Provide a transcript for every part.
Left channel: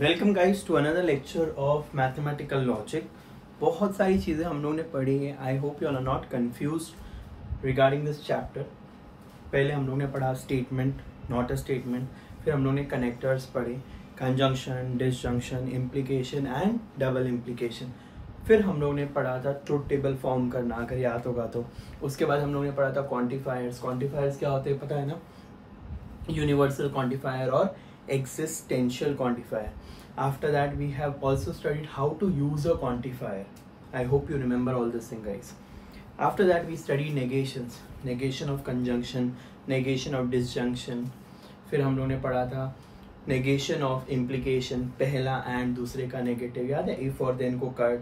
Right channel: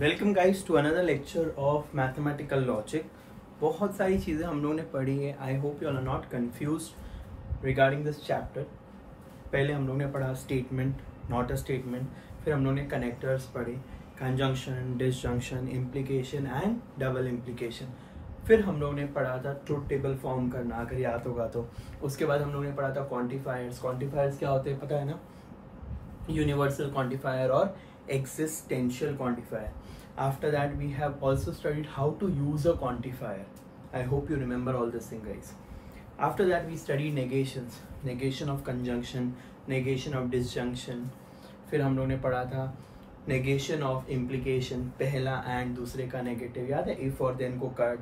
Welcome guys to another lecture of mathematical logic. बहुत सारी चीज़ें हम लोगों ने पढ़ी है। I hope you are not confused regarding this chapter. पहले हम लोग ने पढ़ा स्टेटमेंट, नॉट अ स्टेटमेंट। फिर हम लोग ने कनेक्टर्स पढ़े, conjunction, disjunction, implication and double implication. फिर हम लोग ने पढ़ा था ट्रुथ टेबल फॉर्म करना, अगर याद होगा तो। उसके बाद हम लोग ने पढ़ा था क्वांटिफायर्स। क्वांटिफायर्स क्या होते हैं पता है ना? यूनिवर्सल क्वांटिफायर और existential quantifier. After that we have also studied how to use a quantifier. I hope you remember all this thing guys. After that we studied negations, negation of conjunction, negation of disjunction. फिर हम लोग ने पढ़ा था negation of implication, पहला and दूसरे का negative याद है? if और then को कट,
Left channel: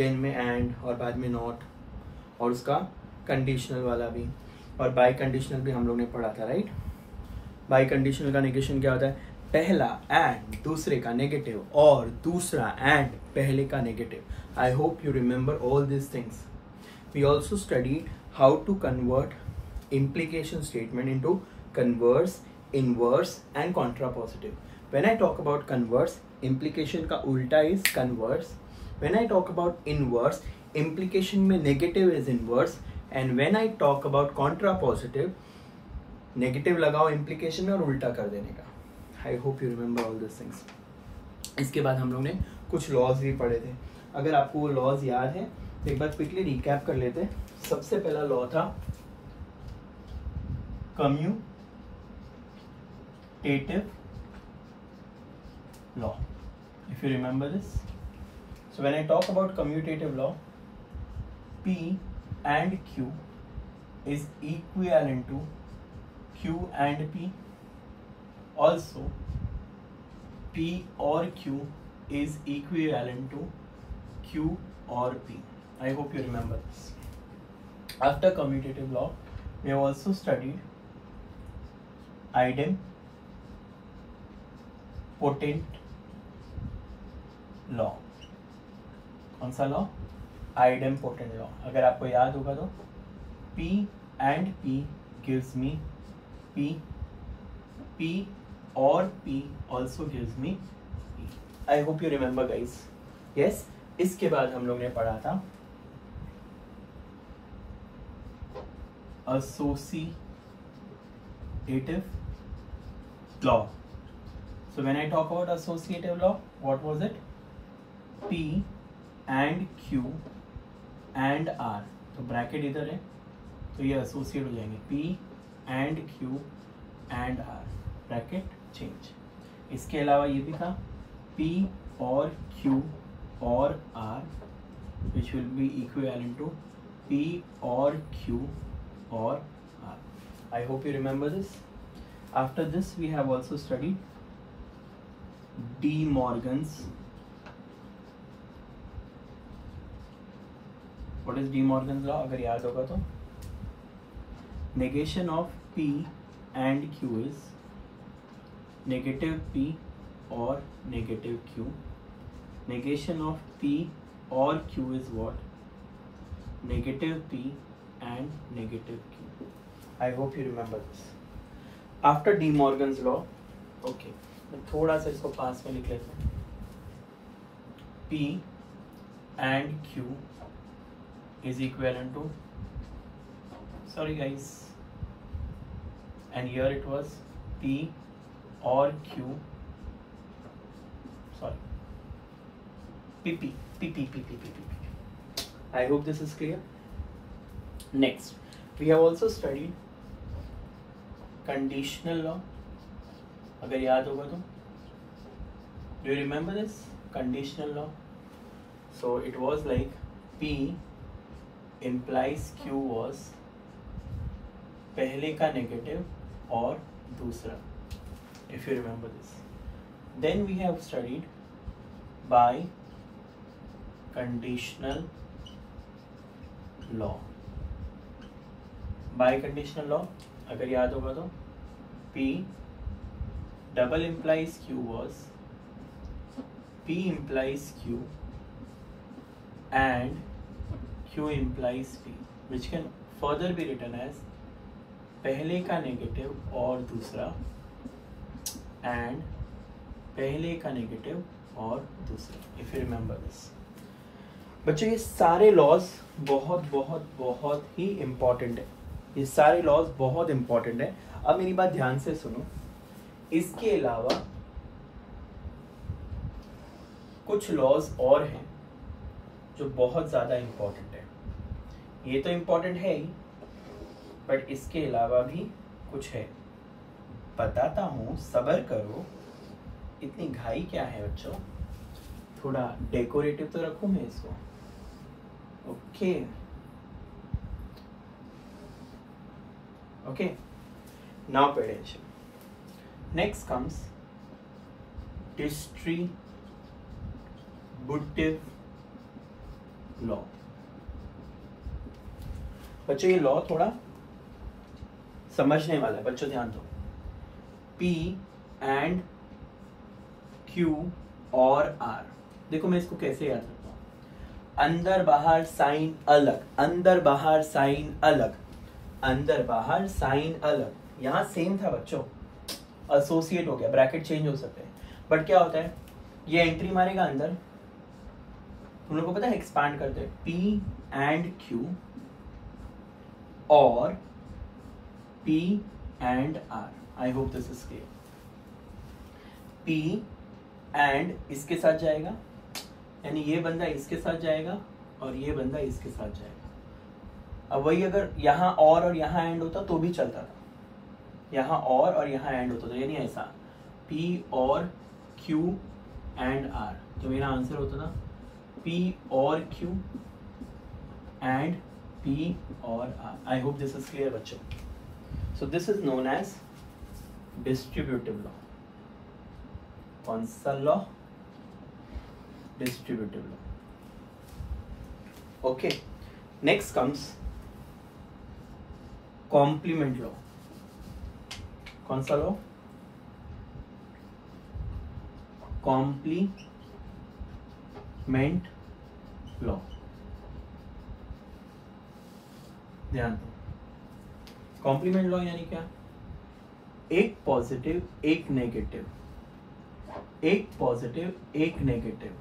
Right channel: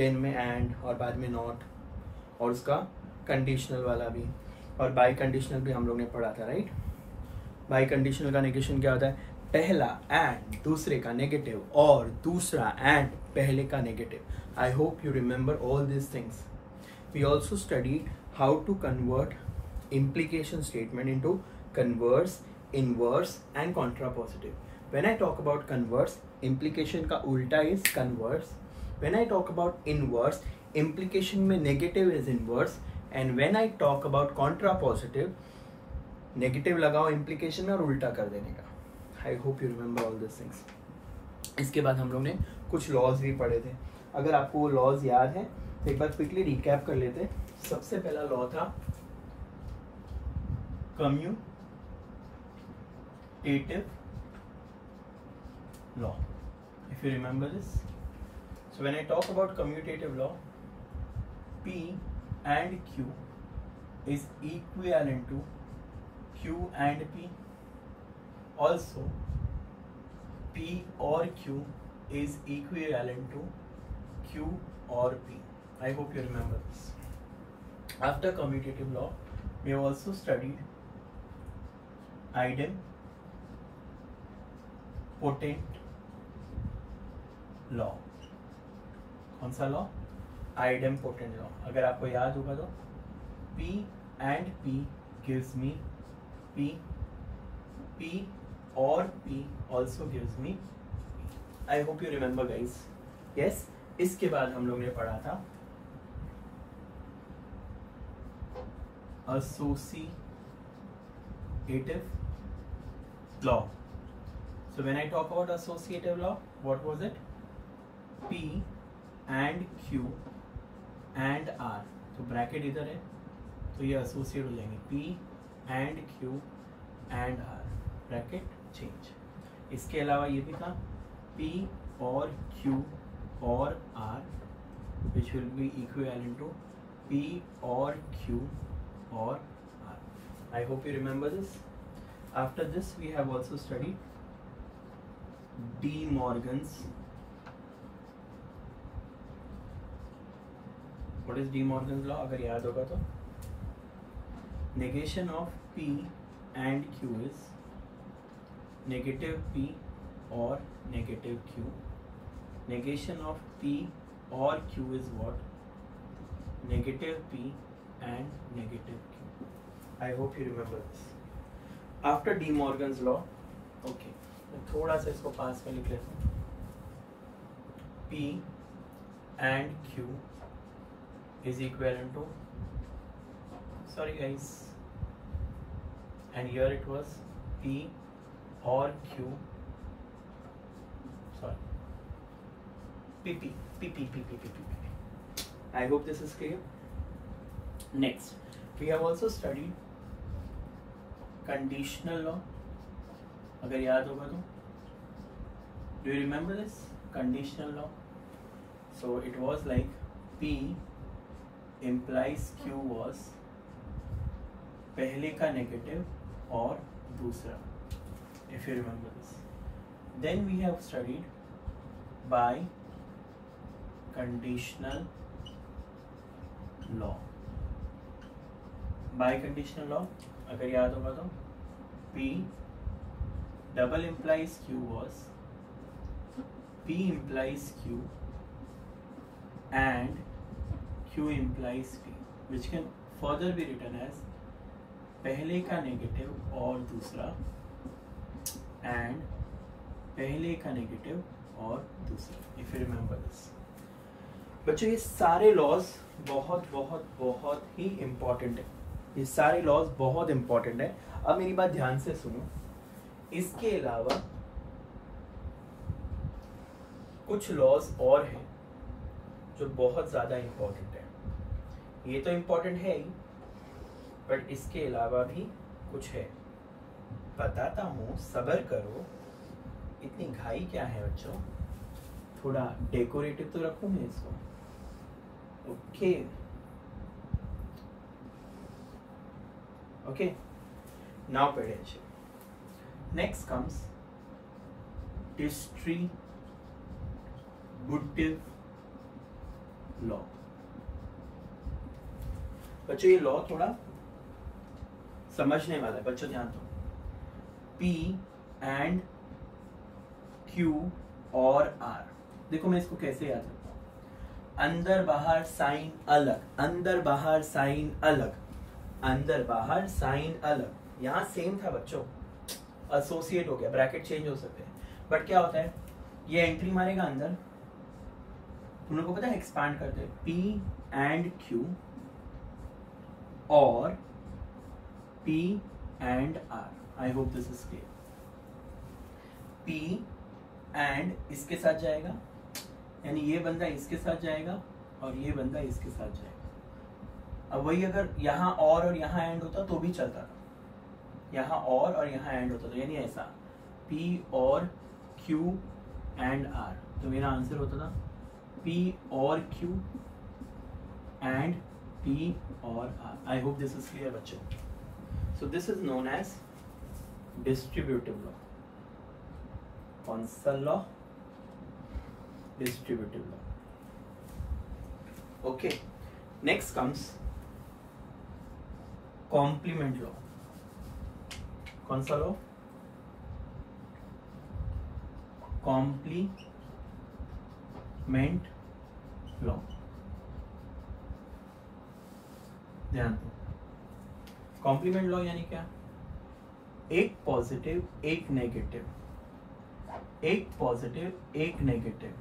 then में and और बाद में not, और उसका कंडीशनल वाला भी, और बाई कंडीशनल भी हम लोग ने पढ़ा था राइट। बाई कंडीशनल का नेगेशन क्या होता है? पहला एंड दूसरे का नेगेटिव और दूसरा एंड पहले का negative. I hope you remember all this things. We also studied how to convert implication statement into converse, inverse and contrapositive. When I talk about converse, implication का उल्टा is converse. When I talk about inverse, implication में negative is inverse. And when I talk about contrapositive, negative लगाओ implication में और उल्टा कर देने का। आई hope you remember all this things. इसके बाद हम लोग ने कुछ लॉज भी पढ़े थे। अगर आपको वो लॉज याद है तो एक बार क्विकली रिकैप कर लेते हैं। सबसे पहला लॉ था commutative law, if you remember this. So when I talk about commutative law, P and Q is equivalent to Q and P. Also, P or Q is equivalent to Q or P. I hope you remember this. After commutative law, we have also studied idempotent law. कौन सा law? idempotent law. अगर आपको याद होगा तो P and P gives me P, P or P also gives me P. I hope you remember guys. Yes. इसके बाद हम लोग ने पढ़ा था associative law. So when I talk about associative law, what was it? P and Q and R. तो bracket इधर है तो ये एसोसिएट हो जाएंगे P and Q and R, bracket change. इसके अलावा ये भी था P और Q और R which will be equivalent to P or Q or R. I hope you remember this. After this we have also studied De Morgan's. What is De Morgan's law? अगर याद होगा तो negation of P and Q is negative P or negative Q. Negation of P or Q is what? Negative P and negative Q. I hope you remember this. After De Morgan's law, okay, मैं थोड़ा सा इसको पास में लिख लेता हूँ। P and Q is equivalent to, sorry guys, and here it was P or Q, sorry, P. I hope this is clear. Next, we have also studied conditional law. अगर याद होगा तो, do you remember this conditional law? So it was like P implies Q was पहले का negative और दूसरा, if you remember this. Then we have studied by conditional law. By conditional law, अगर याद होगा तो P double implies Q was P implies Q and Q implies P, which can further be written as पहले का negative और दूसरा and पहले का नेगेटिव और दूसरा, इफ यू रिमेंबर दिस। बच्चों ये सारे लॉज बहुत बहुत बहुत ही इम्पॉर्टेंट है, ये सारे लॉज बहुत इम्पॉर्टेंट है। अब मेरी बात ध्यान से सुनो, इसके अलावा कुछ लॉज और हैं जो बहुत ज्यादा इम्पॉर्टेंट है। ये तो इम्पॉर्टेंट है ही, बट इसके अलावा भी कुछ है, बताता हूँ, सब्र करो। इतनी घाई क्या है बच्चों, थोड़ा डेकोरेटिव तो रखूं मैं इसको। Okay okay, now pay attention. Next comes distributive law. बच्चों ये लॉ थोड़ा समझने वाला है, बच्चों ध्यान दो। P एंड Q और R, देखो मैं इसको कैसे याद रखता हूँ। अंदर बाहर साइन अलग, अंदर बाहर साइन अलग, अंदर बाहर साइन अलग। यहाँ सेम था बच्चों, एसोसिएट हो गया, ब्रैकेट चेंज हो सकते हैं, बट क्या होता है, ये एंट्री मारेगा अंदर, तुम लोगों को पता है एक्सपांड करते हैं, P एंड Q और P and R। I hope this is clear. P and इसके साथ जाएगा, यानी ये बंदा इसके साथ जाएगा और ये बंदा इसके साथ जाएगा। अब वही अगर यहाँ और यहाँ एंड होता तो भी चलता था, यहाँ और यहाँ एंड होता था, यानी ऐसा P और Q एंड R, तो मेरा आंसर होता ना P और Q एंड P और R। I hope this is clear बच्चों। So this is known as distributive law. कौन सा law? Distributive law. Okay, next comes complement law. कौन सा लॉ? Complement law. ध्यान दो, कॉम्प्लीमेंट लॉ यानी क्या? एक पॉजिटिव एक नेगेटिव, एक पॉजिटिव एक नेगेटिव,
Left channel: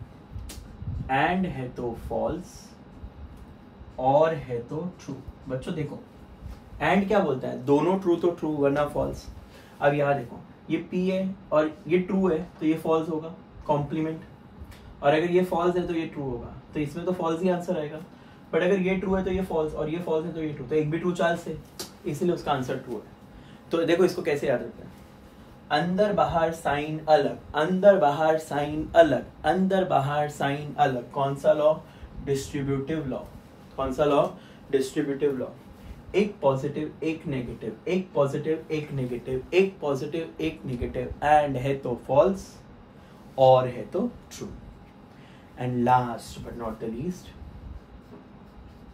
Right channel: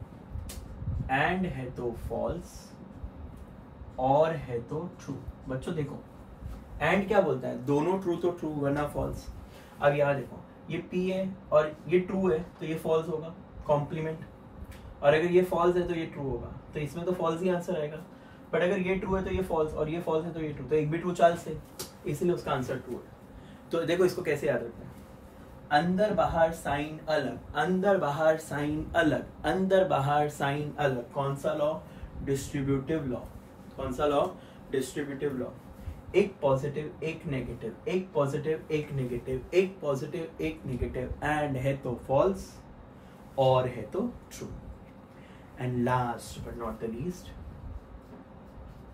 एंड है तो फॉल्स और है तो ट्रू। बच्चों देखो, एंड क्या बोलता है, दोनों ट्रू तो ट्रू वरना फॉल्स। अब यहाँ देखो, ये P है और ये ट्रू है तो ये फॉल्स होगा, कॉम्प्लीमेंट। और अगर ये फॉल्स है तो ये ट्रू होगा, तो इसमें तो फॉल्स ही आंसर आएगा। बट अगर ये ट्रू है तो ये फॉल्स, और ये फॉल्स है तो ये ट्रू, तो एक भी ट्रू चांस है, इसलिए उसका आंसर ट्रू है। तो देखो इसको कैसे याद रखते हैं, अंदर बाहर साइन अलग, अंदर बाहर साइन अलग, अंदर बाहर साइन अलग। कौन सा लॉ? Distributive law. कौन सा लॉ? Distributive law. एक पॉजिटिव एक नेगेटिव, एक पॉजिटिव एक नेगेटिव, एक पॉजिटिव एक नेगेटिव, एंड है तो फॉल्स और है तो true. And last but not the least,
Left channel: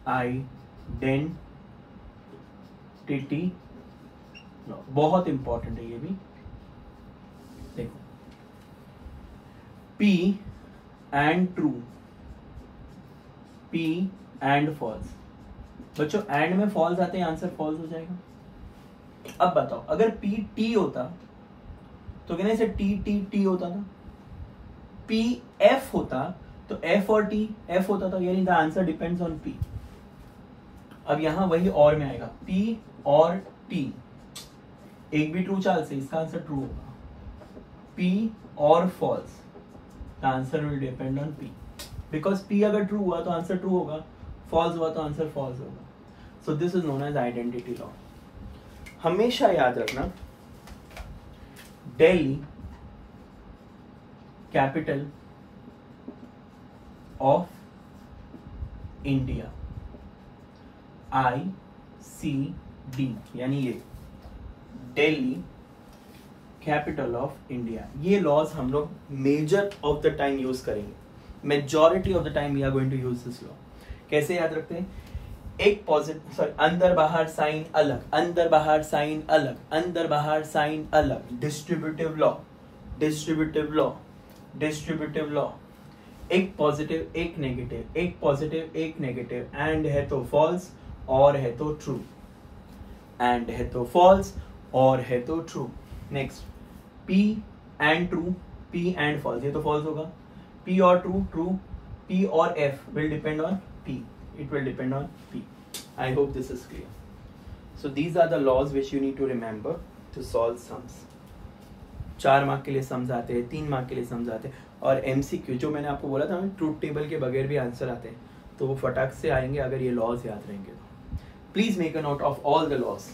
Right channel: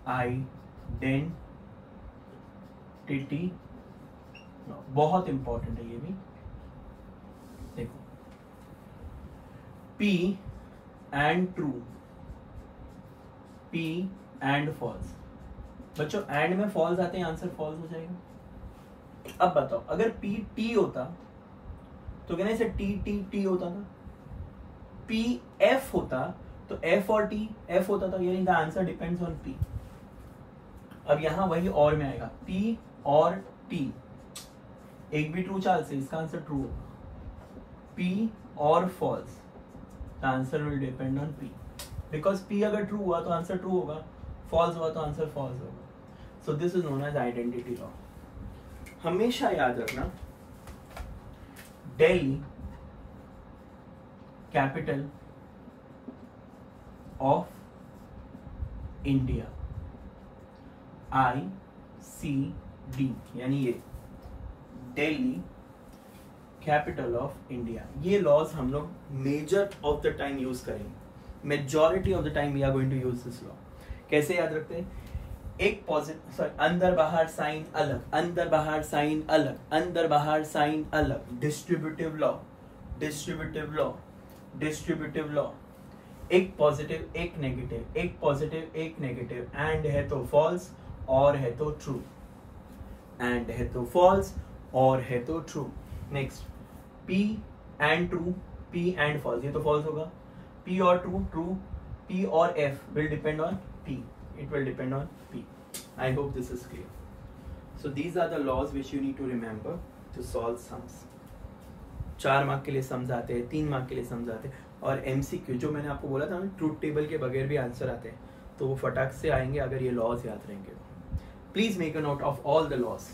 identity law. बहुत इंपॉर्टेंट है ये भी। देखो, P and true, P and false. बच्चों एंड में फॉल्स आते हैं, आंसर फॉल्स हो जाएगा। अब बताओ, अगर P T होता तो कहना इसे T T T होता था, P F होता तो F और T F होता था, यानी the answer depends on P। अब यहां वही और में आएगा, P और T, एक भी ट्रू चाल से इसका आंसर ट्रू होगा। P और फॉल्स, the answer will depend on P, because P अगर ट्रू हुआ तो आंसर ट्रू होगा, फॉल्स हुआ तो आंसर फॉल्स होगा। So this is known as identity law. हमेशा याद रखना, Delhi capital of India, ICD, यानी ये दिल्ली कैपिटल ऑफ इंडिया। ये लॉज हम लोग major of the time use करेंगे, majority of the time we are going to use this law. कैसे याद रखते हैं? एक पॉजिटिव, सॉरी, अंदर बाहर साइन अलग, अंदर बाहर साइन अलग, अंदर बाहर साइन अलग। Distributive law, distributive law, distributive law. एक पॉजिटिव एक नेगेटिव, एक पॉजिटिव एक नेगेटिव, एंड है तो फॉल्स और है तो ट्रू, एंड है तो फॉल्स और है तो true. Next, P and true, P and false, ये तो false होगा. P or true, true. P or F will depend on P. It will depend on P. I hope this is clear. So these are the laws which you need to remember to solve sums. 4 mark के लिए sums आते हैं, 3 mark के लिए sums आते हैं, और MCQ जो मैंने आपको बोला था ना, ट्रूथ टेबल के बगैर भी आंसर आते हैं, तो वो फटाक से आएंगे अगर ये लॉज याद रहेंगे तो. Please make a note of all the laws.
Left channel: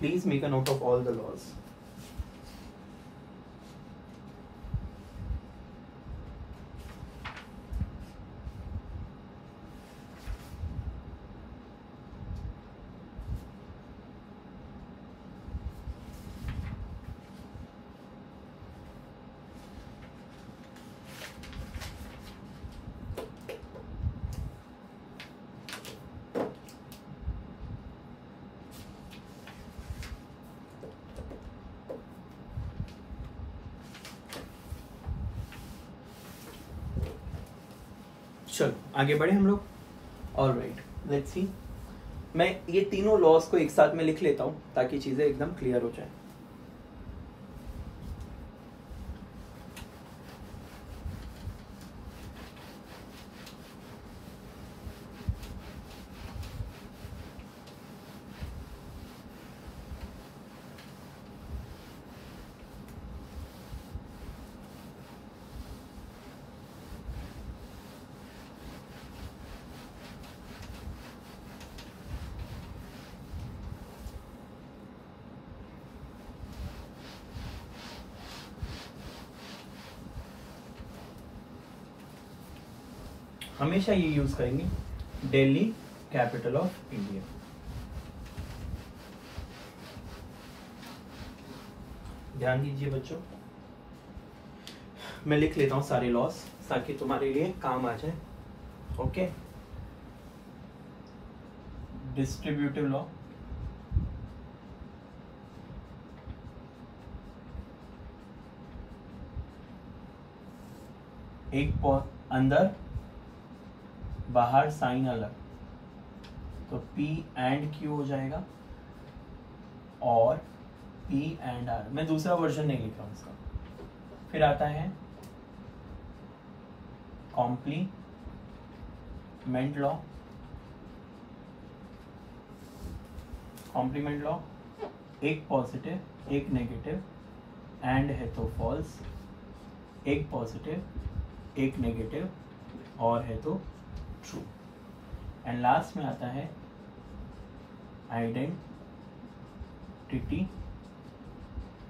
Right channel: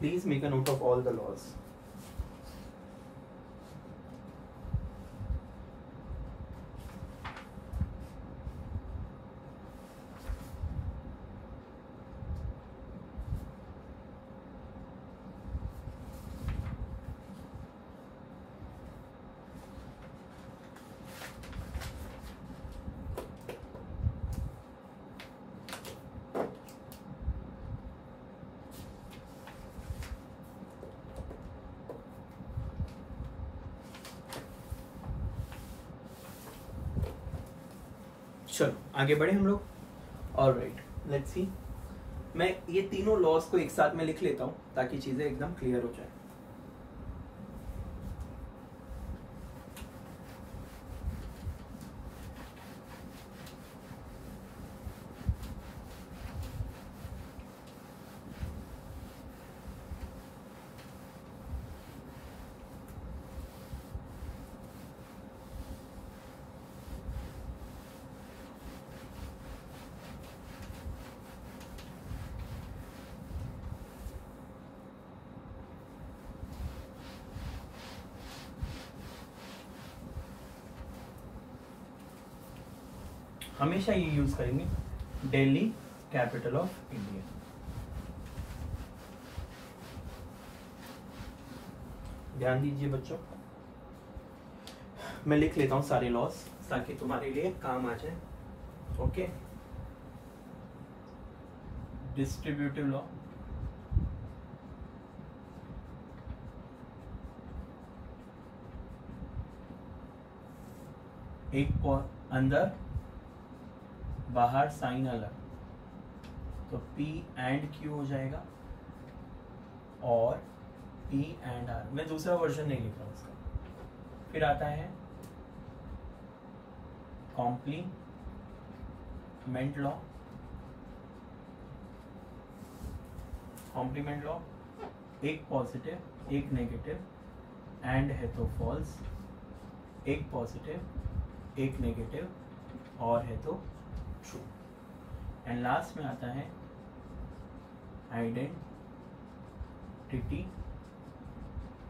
Please make a note of all the laws. चलो आगे बढ़े हम लोग. Alright, let's see. मैं ये तीनों लॉज को एक साथ में लिख लेता हूं ताकि चीजें एकदम क्लियर हो जाए. हमेशा ये यूज करेंगे, दिल्ली कैपिटल ऑफ इंडिया. ध्यान दीजिए बच्चों, मैं लिख लेता हूं सारे लॉस ताकि तुम्हारे लिए काम आ जाए. ओके. डिस्ट्रीब्यूटिव लॉ, एक अंदर बाहर साइन अलग, तो P एंड Q हो जाएगा, और P एंड R. मैं दूसरा वर्जन नहीं लिख रहा हूं इसका. फिर आता है कॉम्प्लीमेंट लॉ. कॉम्प्लीमेंट लॉ, एक पॉजिटिव एक नेगेटिव, एंड है तो फॉल्स. एक पॉजिटिव एक नेगेटिव और है तो ट्रू. एंड लास्ट में आता है आइडेंटिटी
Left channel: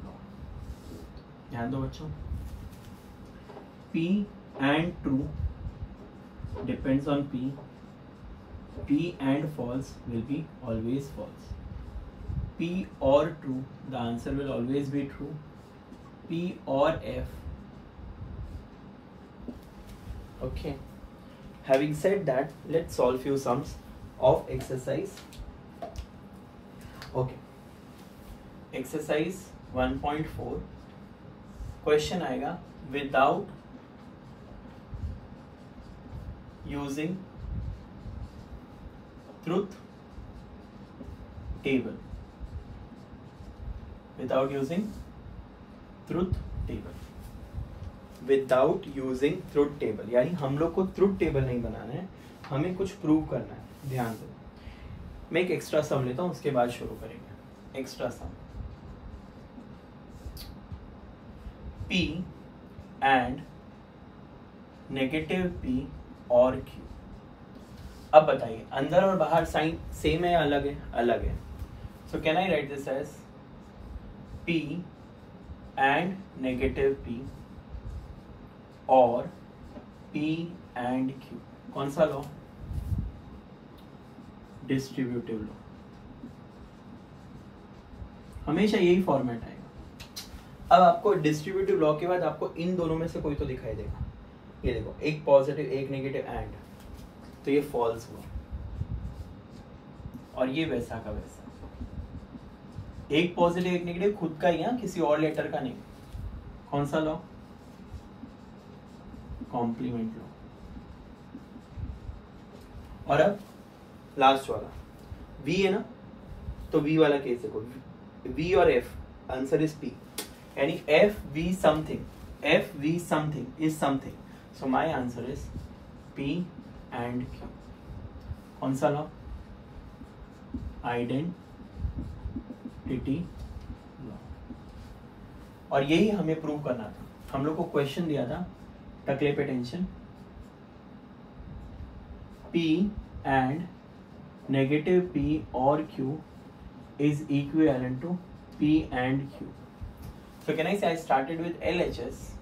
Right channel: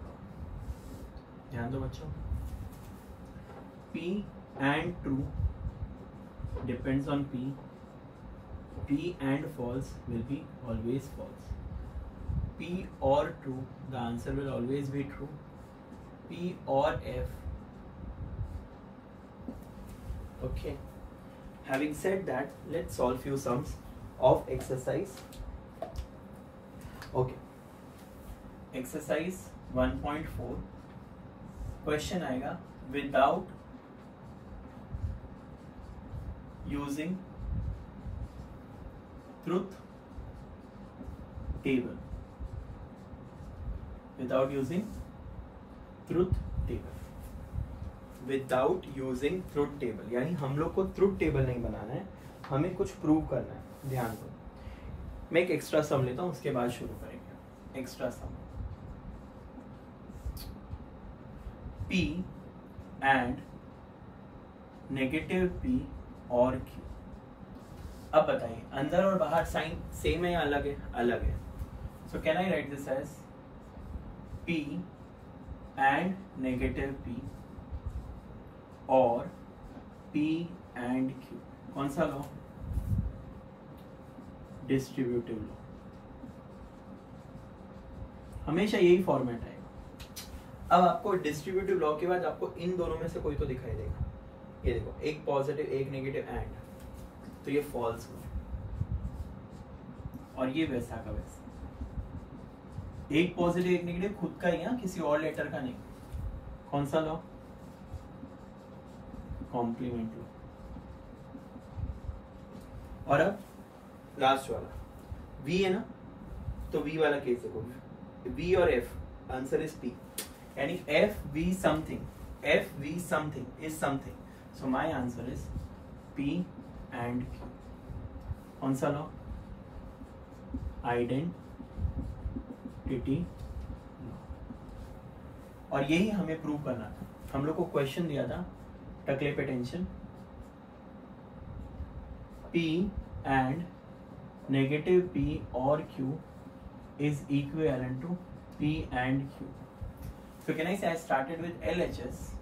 लॉ. ध्यान दो बच्चों, P and true depends on P. P and false will be always false. P or true, the answer will always be true. P or F. Okay. Having said that, let's solve few sums of exercise. Okay. Exercise 1.4. Question आएगा, without using truth table. Without using truth table. Without using truth table, यानी हम लोग को truth table नहीं बनाना है, हमें कुछ prove करना है. ध्यान दो, मैं एक एक्स्ट्रा सम लेता हूं, उसके बाद शुरू करेंगे. Extra sum, P and negative P और Q. अब बताइए, अंदर और बाहर साइन सेम है या अलग है? अलग है. So can I write this as P and negative P और P एंड Q. कौन सा लॉ? Distributive law. हमेशा यही फॉर्मेट आएगा. अब आपको डिस्ट्रीब्यूटिव लॉ के बाद आपको इन दोनों में से कोई तो दिखाई देगा. ये देखो, एक पॉजिटिव एक नेगेटिव एंड, तो ये फॉल्स हुआ. और ये वैसा का वैसा, एक पॉजिटिव एक नेगेटिव खुद का ही है, किसी और लेटर का नहीं. कौन सा लॉ? Complement law. और अब लास्ट वाला V है ना, तो V वाला केस देखो, V और F, आंसर इज P, यानी FV something is something, so my answer is P and Q. कौन सा लॉ? Identity law. और यही हमें प्रूव करना था। हम लोग को क्वेश्चन दिया था, टकले पे tension, P and negative P or Q is equivalent to P and Q. So can I say I started with LHS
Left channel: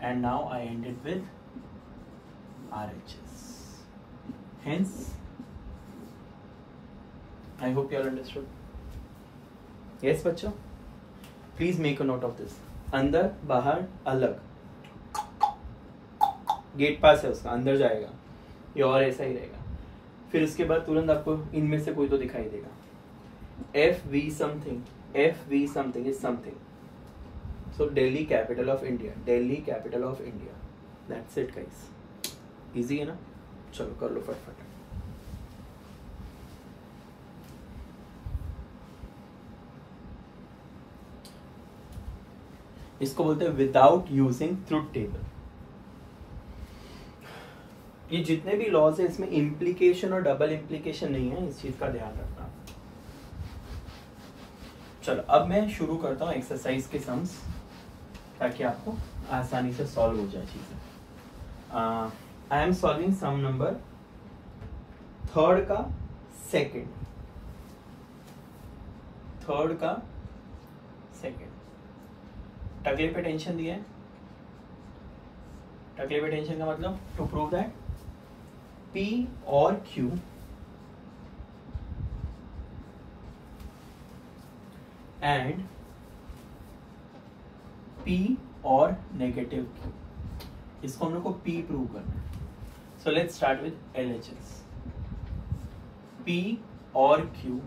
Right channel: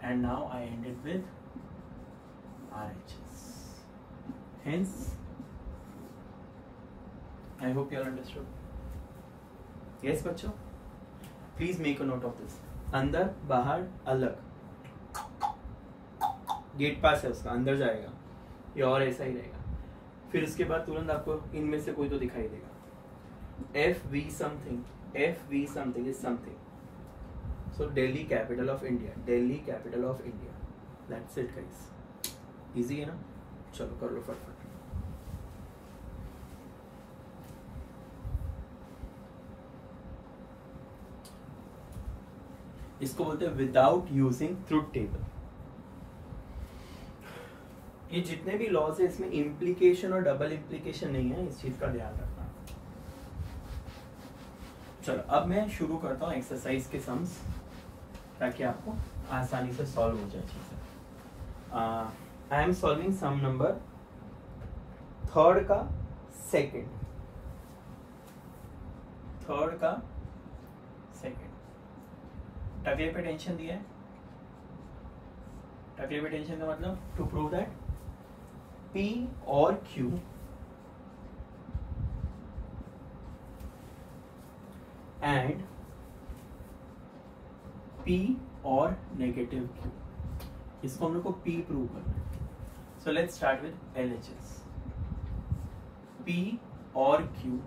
and now I ended with RHS. Hence, I hope you all understood. Yes, बच्चों? Please make a note of this. अंदर बाहर अलग, gate पास है उसका, अंदर जाएगा, ये और ऐसा ही रहेगा। फिर उसके बाद तुरंत आपको इनमें से कोई तो दिखाई देगा। FV something is something. So Delhi capital of India. That's it guys. Easy है ना? चलो कर लो फटाफट। इसको बोलते हैं विदाउट यूजिंग ट्रुथ टेबल। ये जितने भी लॉज है इसमें इम्प्लीकेशन और डबल इम्प्लीकेशन नहीं है, इस चीज का ध्यान रखना। चलो अब मैं शुरू करता हूँ एक्सरसाइज के सम्स, ताकि आपको आसानी से सॉल्व हो जाए चीजें। I am solving some number third का सेकंड, टकले पे टेंशन दिया है। टकले पे टेंशन का मतलब टू प्रूव दैट P और Q एंड P और नेगेटिव Q, इसको हम लोग को P प्रूव करना है। So let's start with LHS। P और Q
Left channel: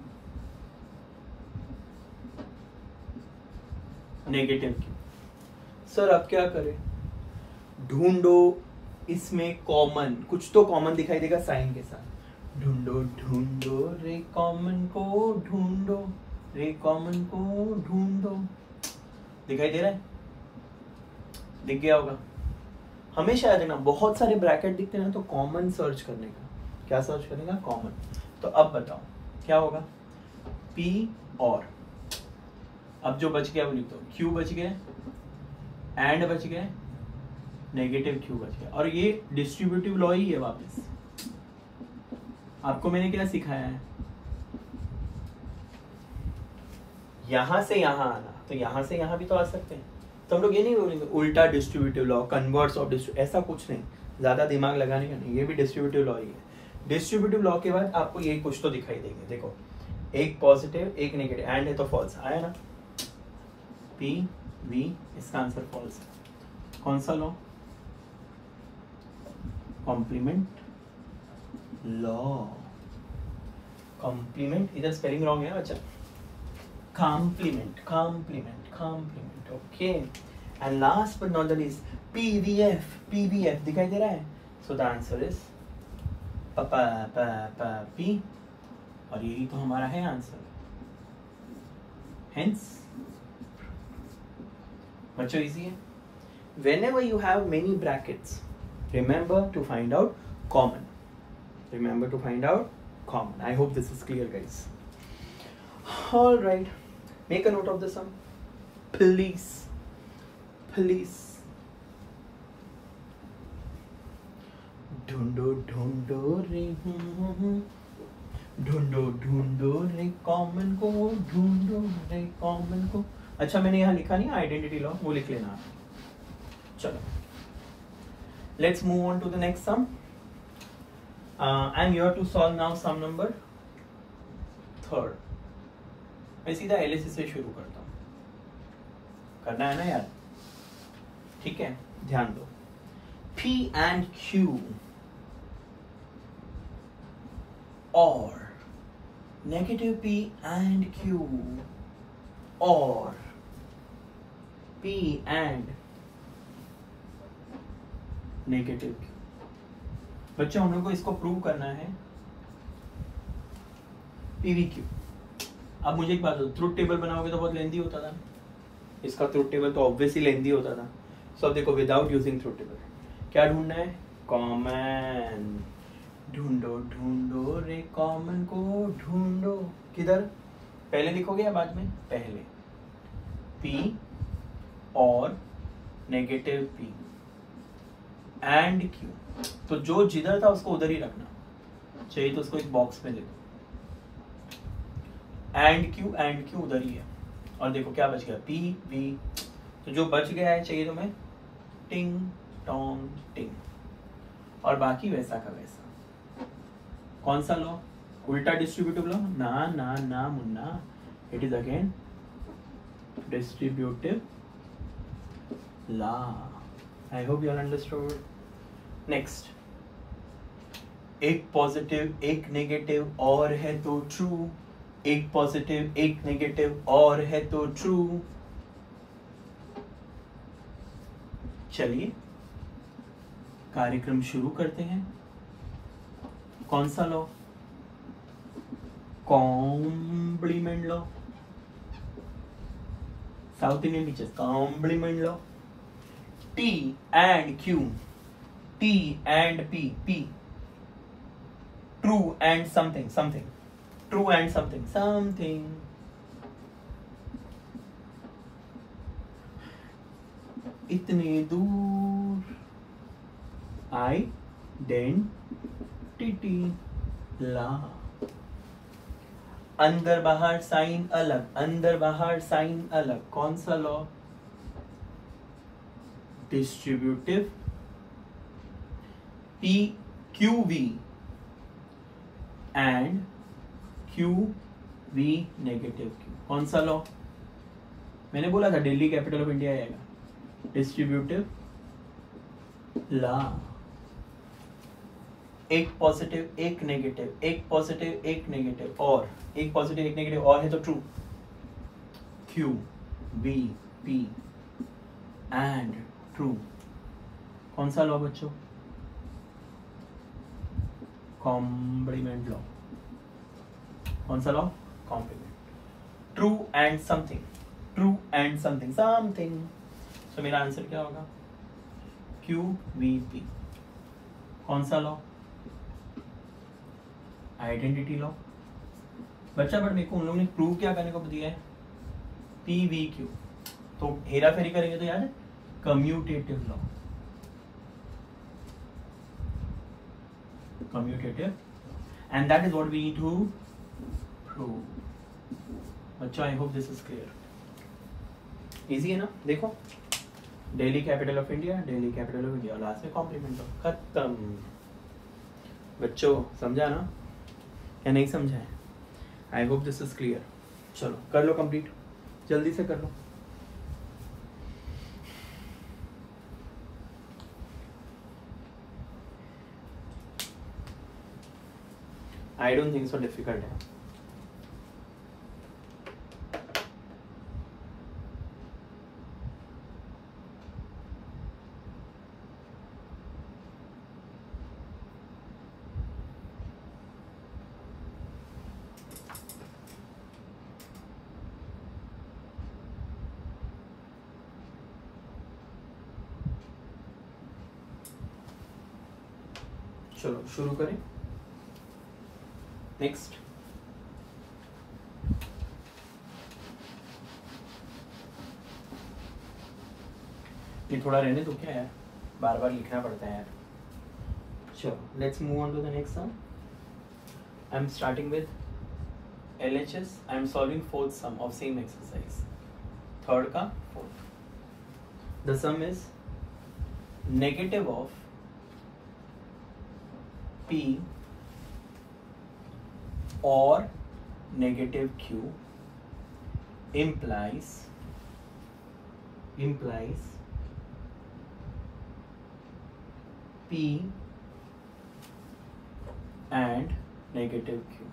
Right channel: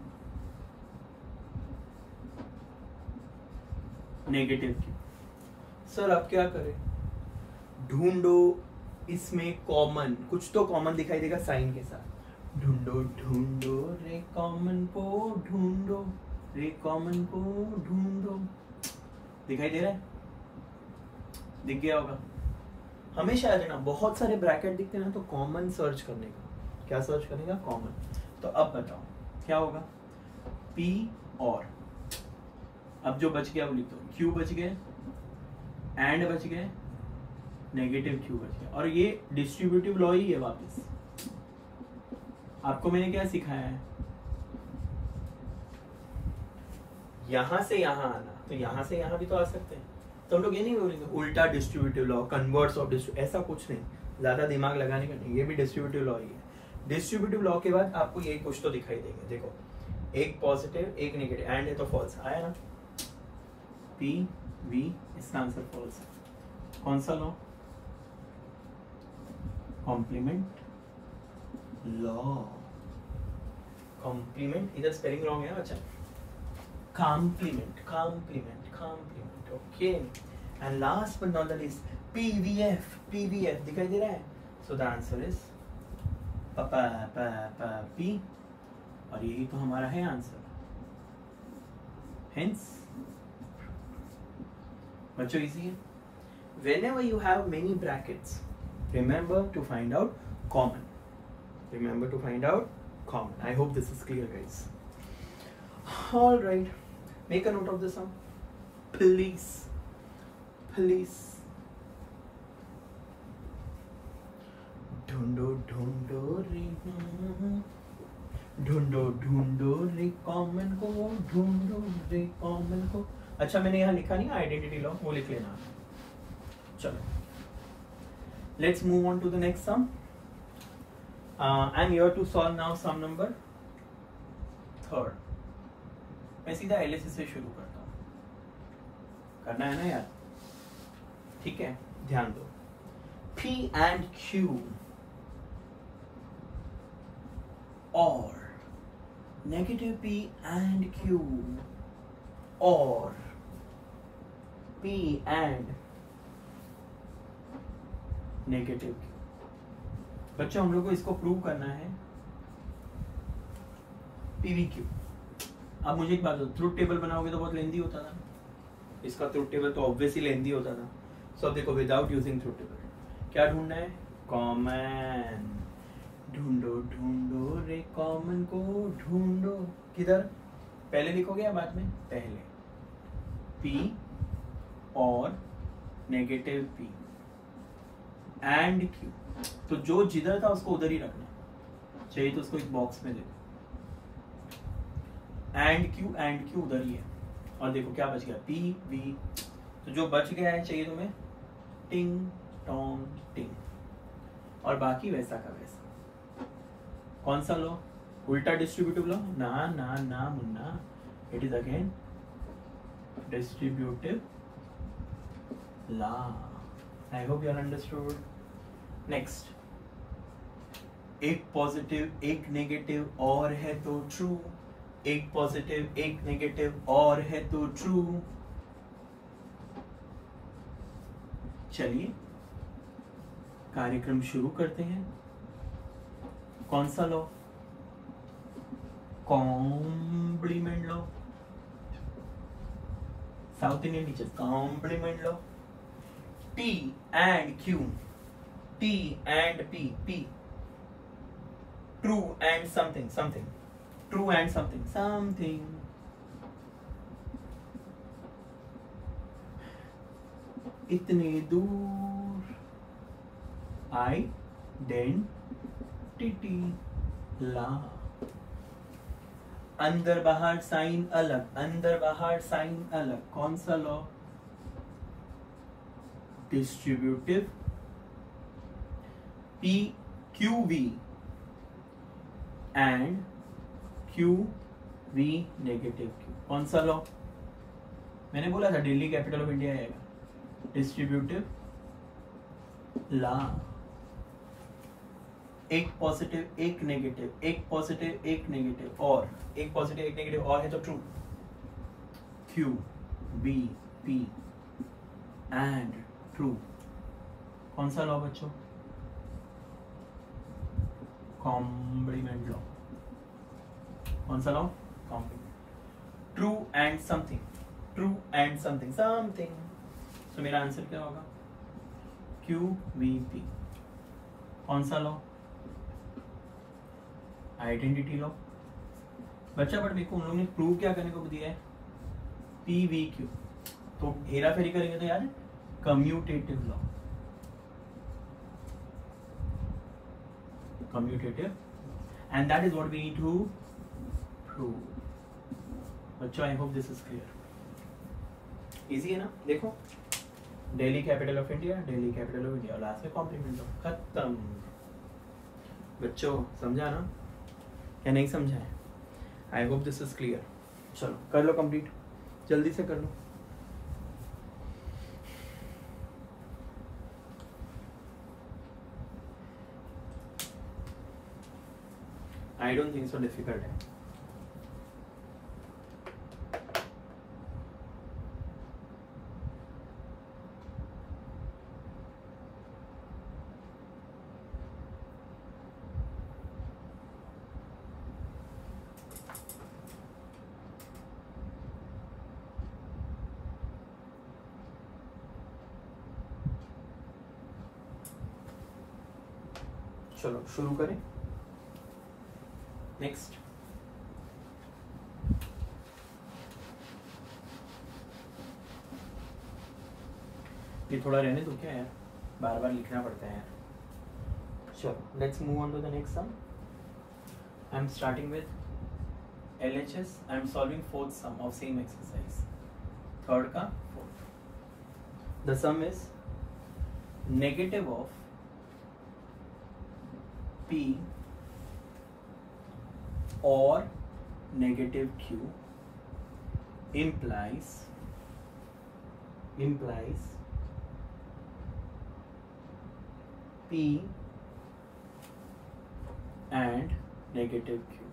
नेगेटिव Q। सर अब क्या करें? ढूंढो इसमें कॉमन, कुछ तो कॉमन दिखाई देगा साइन के साथ। ढूंढो ढूंढो रे कॉमन को ढूंढो, रे कॉमन को ढूंढो। दिखाई दे रहा है? दिख गया होगा। हमेशा याद रखना, बहुत सारे ब्रैकेट दिखते हैं ना, तो कॉमन सर्च करने का। क्या सर्च करेगा? कॉमन। तो अब बताओ क्या होगा? P और, अब जो बच गया वो लिख दो, Q बच गए, एंड बच गए, नेगेटिव Q बच गया। और ये डिस्ट्रीब्यूटिव लॉ ही है वापस। आपको मैंने क्या सिखाया है? यहां से यहां आना, तो यहां से यहां भी तो आ सकते हैं। तो हम लोग ये नहीं बोलेंगे उल्टा distributive law, converse of distributive, ऐसा कुछ नहीं, ज्यादा दिमाग लगाने का नहीं। ये भी डिस्ट्रीब्यूटिव लॉ ही है। डिस्ट्रीब्यूटिव लॉ के बाद आपको यही कुछ तो दिखाई देंगे। देखो, एक पॉजिटिव एक नेगेटिव, एंड है तो फॉल्स आया ना। P V, इसका आंसर फॉल्स है। कौन सा लॉ? Complement law. कॉम्प्लीमेंट, इधर स्पेलिंग रॉन्ग है बच्चा। Complement, okay. And last but not the least, PVF दिखाई दे रहा है। So the answer is P, और यही तो हमारा है आंसर। हेंस बच्चों इजी है। Whenever you have many brackets, remember to find out common. I hope this is clear, guys. All right, make a note of the sum, please. ढूंढो रे common को, ढूंढो रे कॉमन को। अच्छा, मैंने यहाँ लिखा नहीं आइडेंटिटी लॉ, वो लिख लेना। चलो, let's move on to the next sum. I'm here to solve now sum number third. मैं सीधा LHS से शुरू करता हूँ, करना है ना यार? ठीक है, ध्यान दो। P and Q or negative P and Q or P and negative Q। बच्चों हम लोग को इसको प्रूव करना है PVQ। अब मुझे एक बात बताओ, ट्रुथ टेबल बनाओगे तो बहुत लेंदी होता था, इसका ट्रुथ टेबल तो ऑब्वियसली लेंदी होता था। सो अब देखो विदाउट यूजिंग ट्रुथ टेबल क्या ढूंढना है, कॉमन। ढूंढो ढूंढो रे कॉमन को ढूंढो, किधर पहले लिखोगे या बाद में? पहले P और नेगेटिव P एंड Q, तो जो जिधर था उसको उधर ही रखना चाहिए, तो उसको एक बॉक्स में देखो, एंड Q उधर ही है। और देखो क्या बच गया, P V, तो जो बच गया है चाहिए तुम्हें टिंग टोंग टिंग, और बाकी वैसा का वैसा। कौन सा लो? उल्टा डिस्ट्रीब्यूटिव लो? ना ना ना Munna, it is again distributive law. I hope you all understood. Next, एक पॉजिटिव एक नेगेटिव और है तो ट्रू, एक पॉजिटिव एक नेगेटिव और है तो ट्रू। चलिए कार्यक्रम शुरू करते हैं। कौन सा law? Complement law. South Indian teachers, complement law. T and Q, T and P, true and something, true and something. इतने दूर आइडेंटिटी ला, अंदर बाहर साइन अलग, अंदर बाहर साइन अलग। कौन सा law? Distributive PQV and QV negative Q। कौन सा लॉ? मैंने बोला था दिल्ली कैपिटल ऑफ इंडिया आएगा। डिस्ट्रीब्यूटिव लॉ, एक पॉजिटिव एक नेगेटिव, एक पॉजिटिव एक नेगेटिव, और एक पॉजिटिव एक नेगेटिव और है तो true. QV P and true. कौन सा लॉ बच्चों? Complement law. कौन सा law? Complement. True and something, true and something so मेरा आंसर क्या होगा? QVP। कौन सा लॉ? Identity law. बच्चा बट मेरे को उन लोगों ने प्रूव क्या करने को दिया है? PVQ, तो हेरा फेरी करेंगे तो याद है commutative law. Commutative, and that is what we need to prove. बच्चों I hope this is clear. Easy है ना? देखो Delhi capital of India, Delhi capital of India, last में कॉम्प्लीमेंट लॉ, खत्म। बच्चों समझा ना या नहीं समझा है? I hope this is clear. चलो कर लो कंप्लीट, जल्दी से कर लो। I don't think so difficult है। चलो शुरू करें। नेक्स्ट, ये थोड़ा रहने दो क्या यार, बार बार लिखना पड़ता है यार। चलो let's move on to the next sum. I am starting with LHS। I am solving fourth sum of same exercise, third का fourth. The sum is negative of P or negative Q implies P and negative Q।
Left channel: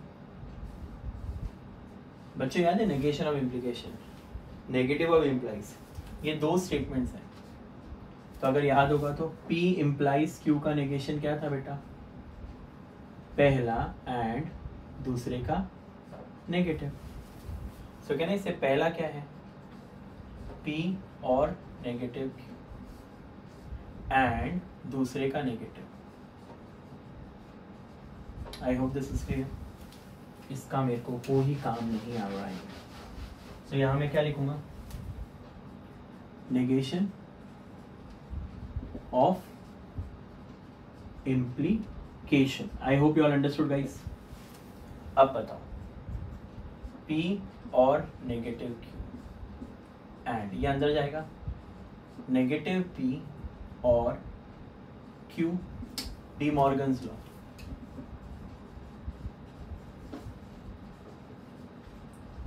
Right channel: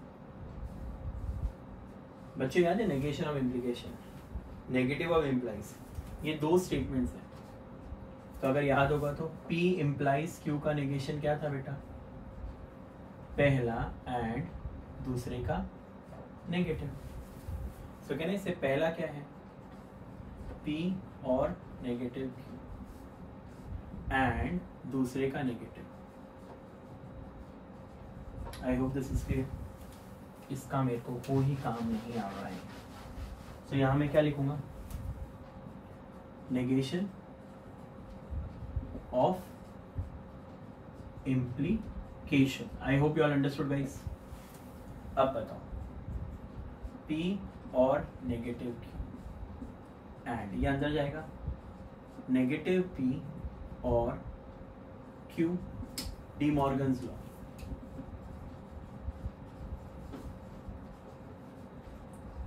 बच्चों याद है negation of implication, negative of implies, ये दो statements हैं। तो अगर याद होगा तो P implies Q का नेगेशन क्या था बेटा? पहला एंड दूसरे का नेगेटिव। सो कहना इससे पहला क्या है, P और नेगेटिव Q एंड दूसरे का negative. I hope this is clear. इसका मेरे को कोई काम नहीं आ रहा है। तो यहां मैं क्या लिखूंगा, negation of implication. I hope you all understood guys. अब बताओ P और नेगेटिव Q एंड ये अंदर जाएगा, नेगेटिव P और Q, डी मॉर्गन्स लॉ।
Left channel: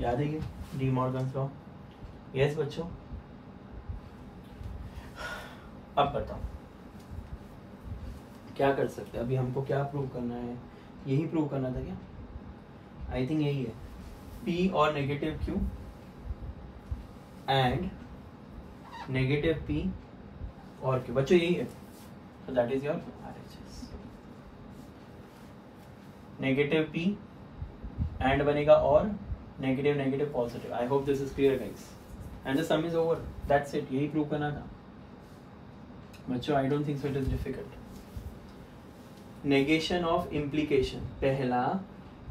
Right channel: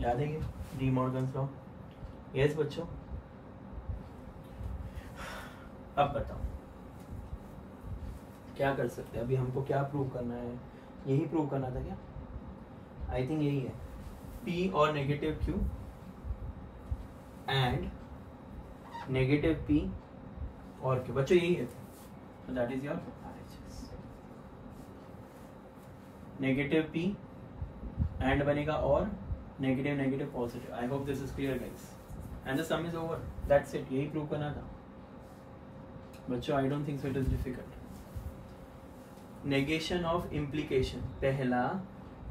याद है ये डी मॉर्गन्स लॉ? यस बच्चों। अब बताओ क्या कर सकते हैं, अभी हमको क्या प्रूव करना है, यही प्रूव करना था क्या? आई थिंक यही है, P और negative Q and negative P और Q। बच्चों यही है, so that is your RHS। Negative P and बनेगा और negative negative positive. I hope this is clear guys and the sum is over, that's it. यही prove करना था बच्चों। I don't think so it is difficult. Negation of implication, पहला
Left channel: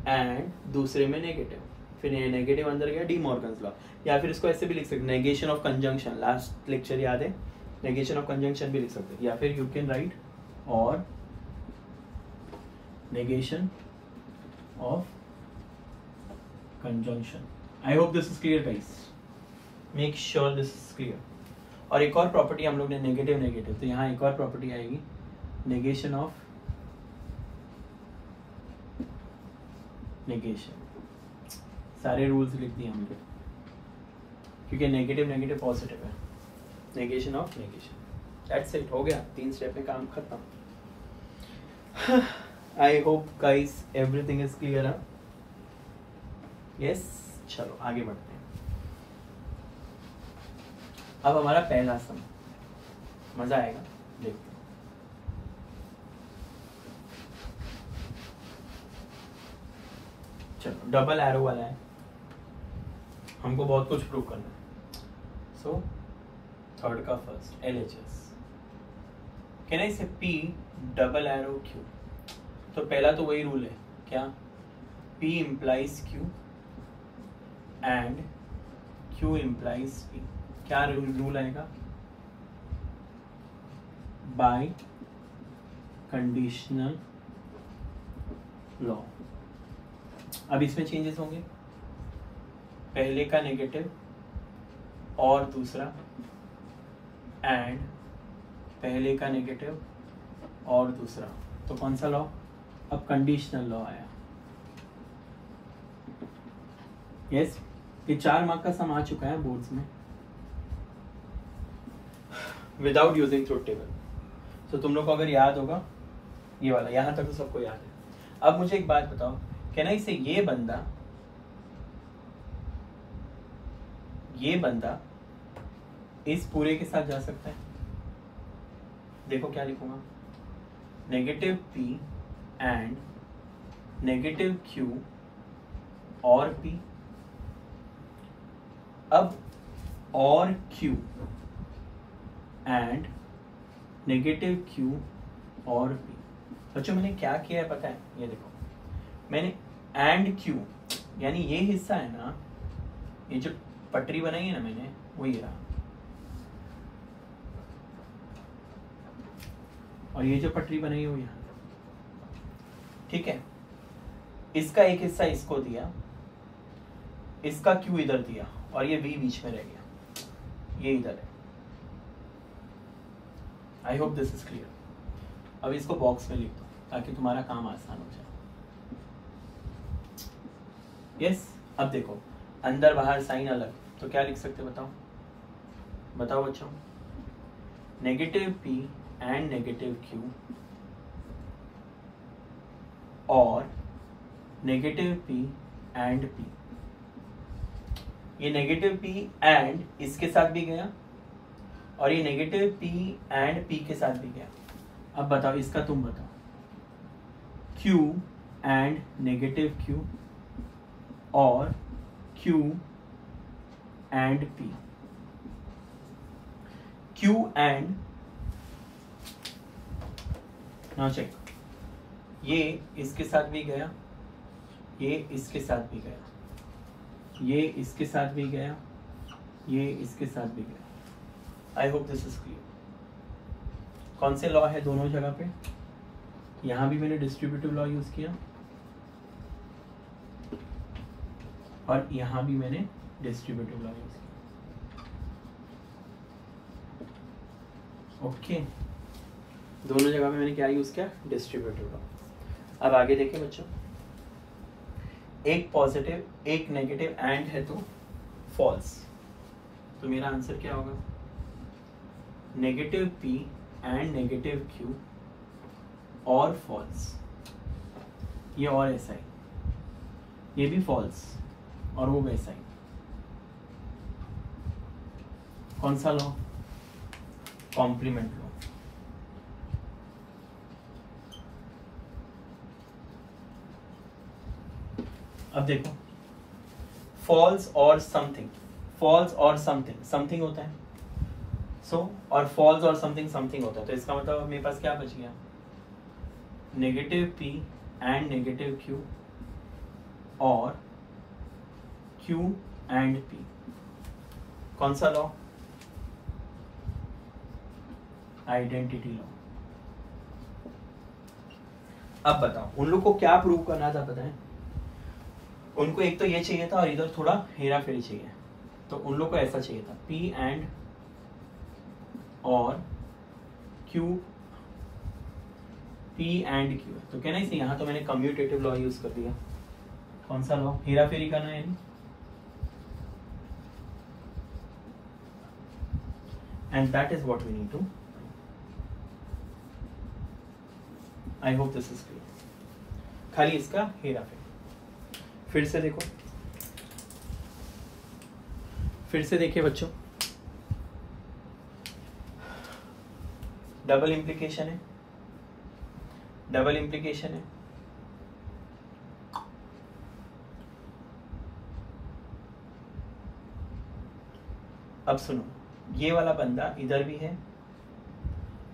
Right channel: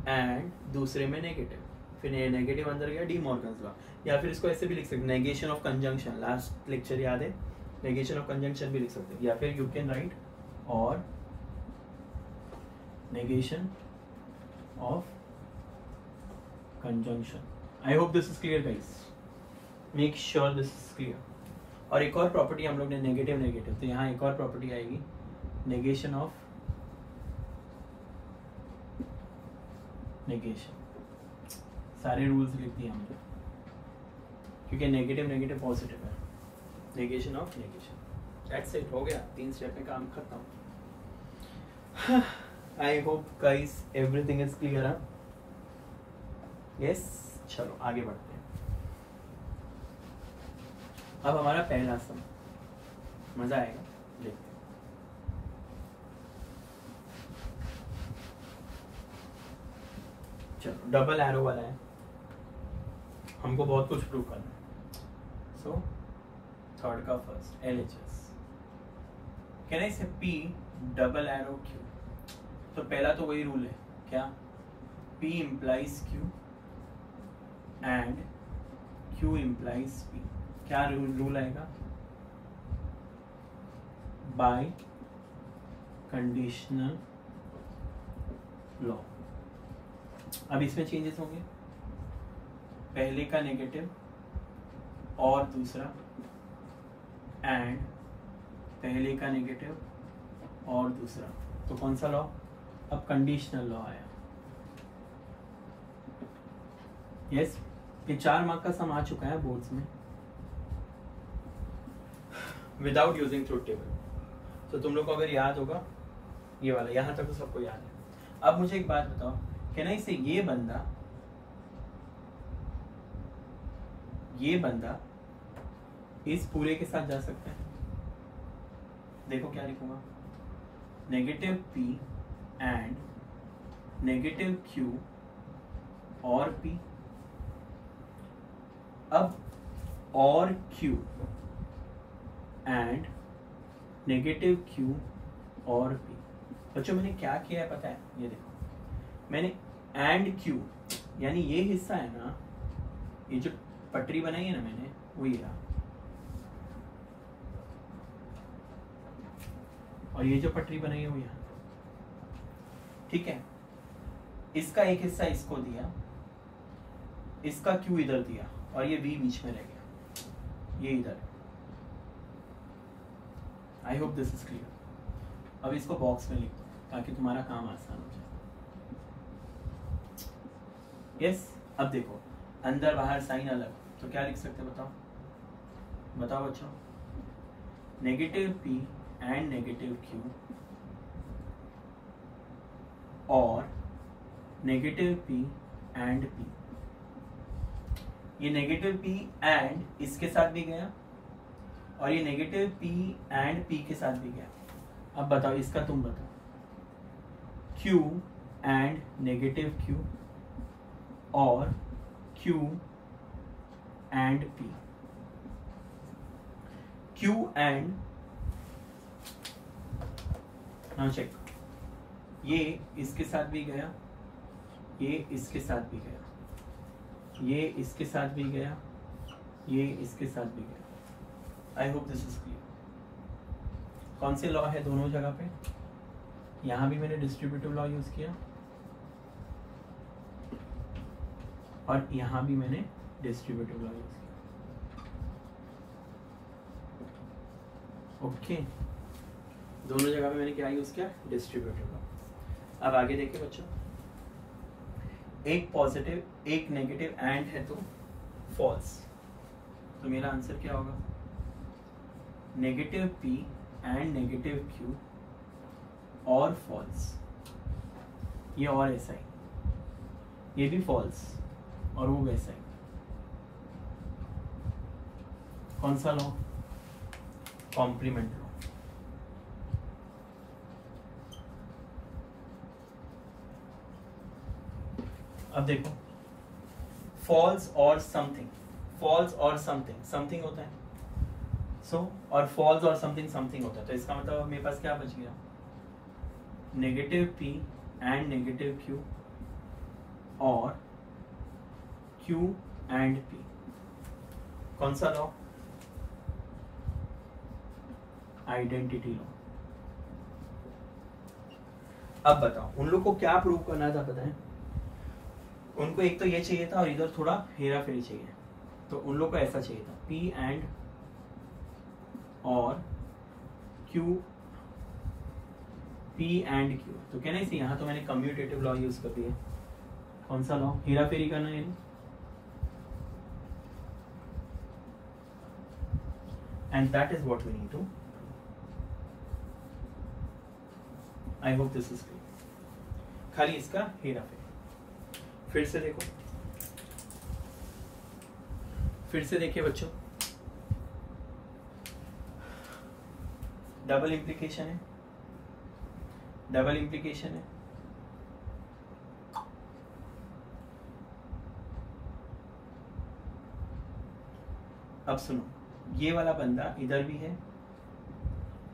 and दूसरे में negative, फिर नेगेटिव अंदर गया, डी मॉर्गन्स लॉ। या फिर इसको ऐसे भी लिख सकते, negation of conjunction, last lecture याद है, नेगेशन ऑफ कंजंक्शन भी लिख सकते। या फिर यू कैन राइट और negation of conjunction. I hope this is clear guys, make sure this is clear. और एक और प्रॉपर्टी हम लोग ने नेगेटिव नेगेटिव, तो यहाँ एक और प्रॉपर्टी आएगी, नेगेशन ऑफ नेगेशन। सारे रूल्स लिख दिए हमने क्योंकि नेगेटिव नेगेटिव पॉजिटिव है। Negation of negation, that's it, हो गया। 3 स्टेप में काम खत्म। I hope guys everything is clear है। यस, चलो आगे बढ़ते हैं। अब हमारा पहला सम, मजा आएगा, देखते हैं। चलो डबल एरो वाला है, हमको बहुत कुछ प्रूव करना है। सो थर्ड का फर्स्ट LHS, कहना इसे P डबल एरो Q। तो पहला तो वही रूल है, क्या, P implies Q and Q implies P। क्या रूल आएगा, बाय कंडीशनल लॉ। अब इसमें चेंजेस होंगे, पहले का नेगेटिव और दूसरा एंड पहले का नेगेटिव और दूसरा, तो कौन सा लॉ, अब कंडीशनल लॉ आया। यस, ये 4 मार्क का सम आ चुका है बोर्ड्स में विदाउट यूजिंग ट्रूथ टेबल। तो तुम लोग को अगर याद होगा ये वाला, यहां तक तो सबको याद है। अब मुझे एक बात बताओ, कहना इसे ये बंदा इस पूरे के साथ जा सकता है। देखो क्या लिखूंगा, negative P and negative Q और P। अब और Q एंड नेगेटिव Q और P। बच्चों मैंने क्या किया है पता है, ये देखो, मैंने एंड Q यानी ये हिस्सा है ना, ये जो पटरी बनाई है ना मैंने, वो ये रहा, और ये जो पटरी बनाई है वो यहाँ। ठीक है, इसका एक हिस्सा इसको दिया, इसका Q इधर दिया, और ये V बीच में रह गया, ये इधर है। I hope this is clear. अब इसको बॉक्स में लिख दो ताकि तुम्हारा काम आसान हो जाए। यस, अब देखो अंदर बाहर साइन अलग, तो क्या लिख सकते बताओ, बताओ बच्चों, negative P and negative Q और नेगेटिव P एंड P। ये नेगेटिव P एंड इसके साथ भी गया और ये नेगेटिव P एंड P के साथ भी गया। अब बताओ इसका, तुम बताओ, Q and negative Q or Q and P. Q and now check, ये इसके साथ भी गया, ये इसके साथ भी गया, ये इसके साथ भी गया, ये इसके साथ भी गया। I hope this is clear. कौन से लॉ है दोनों जगह पे? यहां भी मैंने डिस्ट्रीब्यूटिव लॉ यूज किया और यहां भी मैंने डिस्ट्रीब्यूटिव लॉ यूज किया। ओके, दोनों जगह पे मैंने क्या यूज किया? Distributive law. अब आगे देखिए बच्चों, एक पॉजिटिव एक नेगेटिव एंड है तो फॉल्स, तो मेरा आंसर क्या होगा? Negative P and negative Q और फॉल्स। ये और ऐसा ही, ये भी फॉल्स और वो वैसा ही। कौन सा लॉ? Complement law. अब देखो, फॉल्स और समथिंग, फॉल्स और समथिंग, समथिंग होता है और फॉल्स और समथिंग समथिंग होता है, तो इसका मतलब मेरे पास क्या बच गया? Negative P and negative Q और Q एंड P। कौन सा लॉ? Identity law. अब बताओ, उन लोग को क्या प्रूव करना था पता है? उनको एक तो ये चाहिए था और इधर थोड़ा हेरा फेरी चाहिए, तो उन लोग को ऐसा चाहिए था P एंड और Q, P एंड Q। तो कहना इसे यहाँ तो मैंने कम्यूटेटिव लॉ यूज कर दिया। कौन सा लॉ? हेरा फेरी करना है, and that is what we need to. I hope this is clear. खाली इसका हेरा फेरी। फिर से देखो, फिर से देखिए बच्चों, डबल इंप्लीकेशन है, डबल इंप्लीकेशन है। अब सुनो, ये वाला बंदा इधर भी है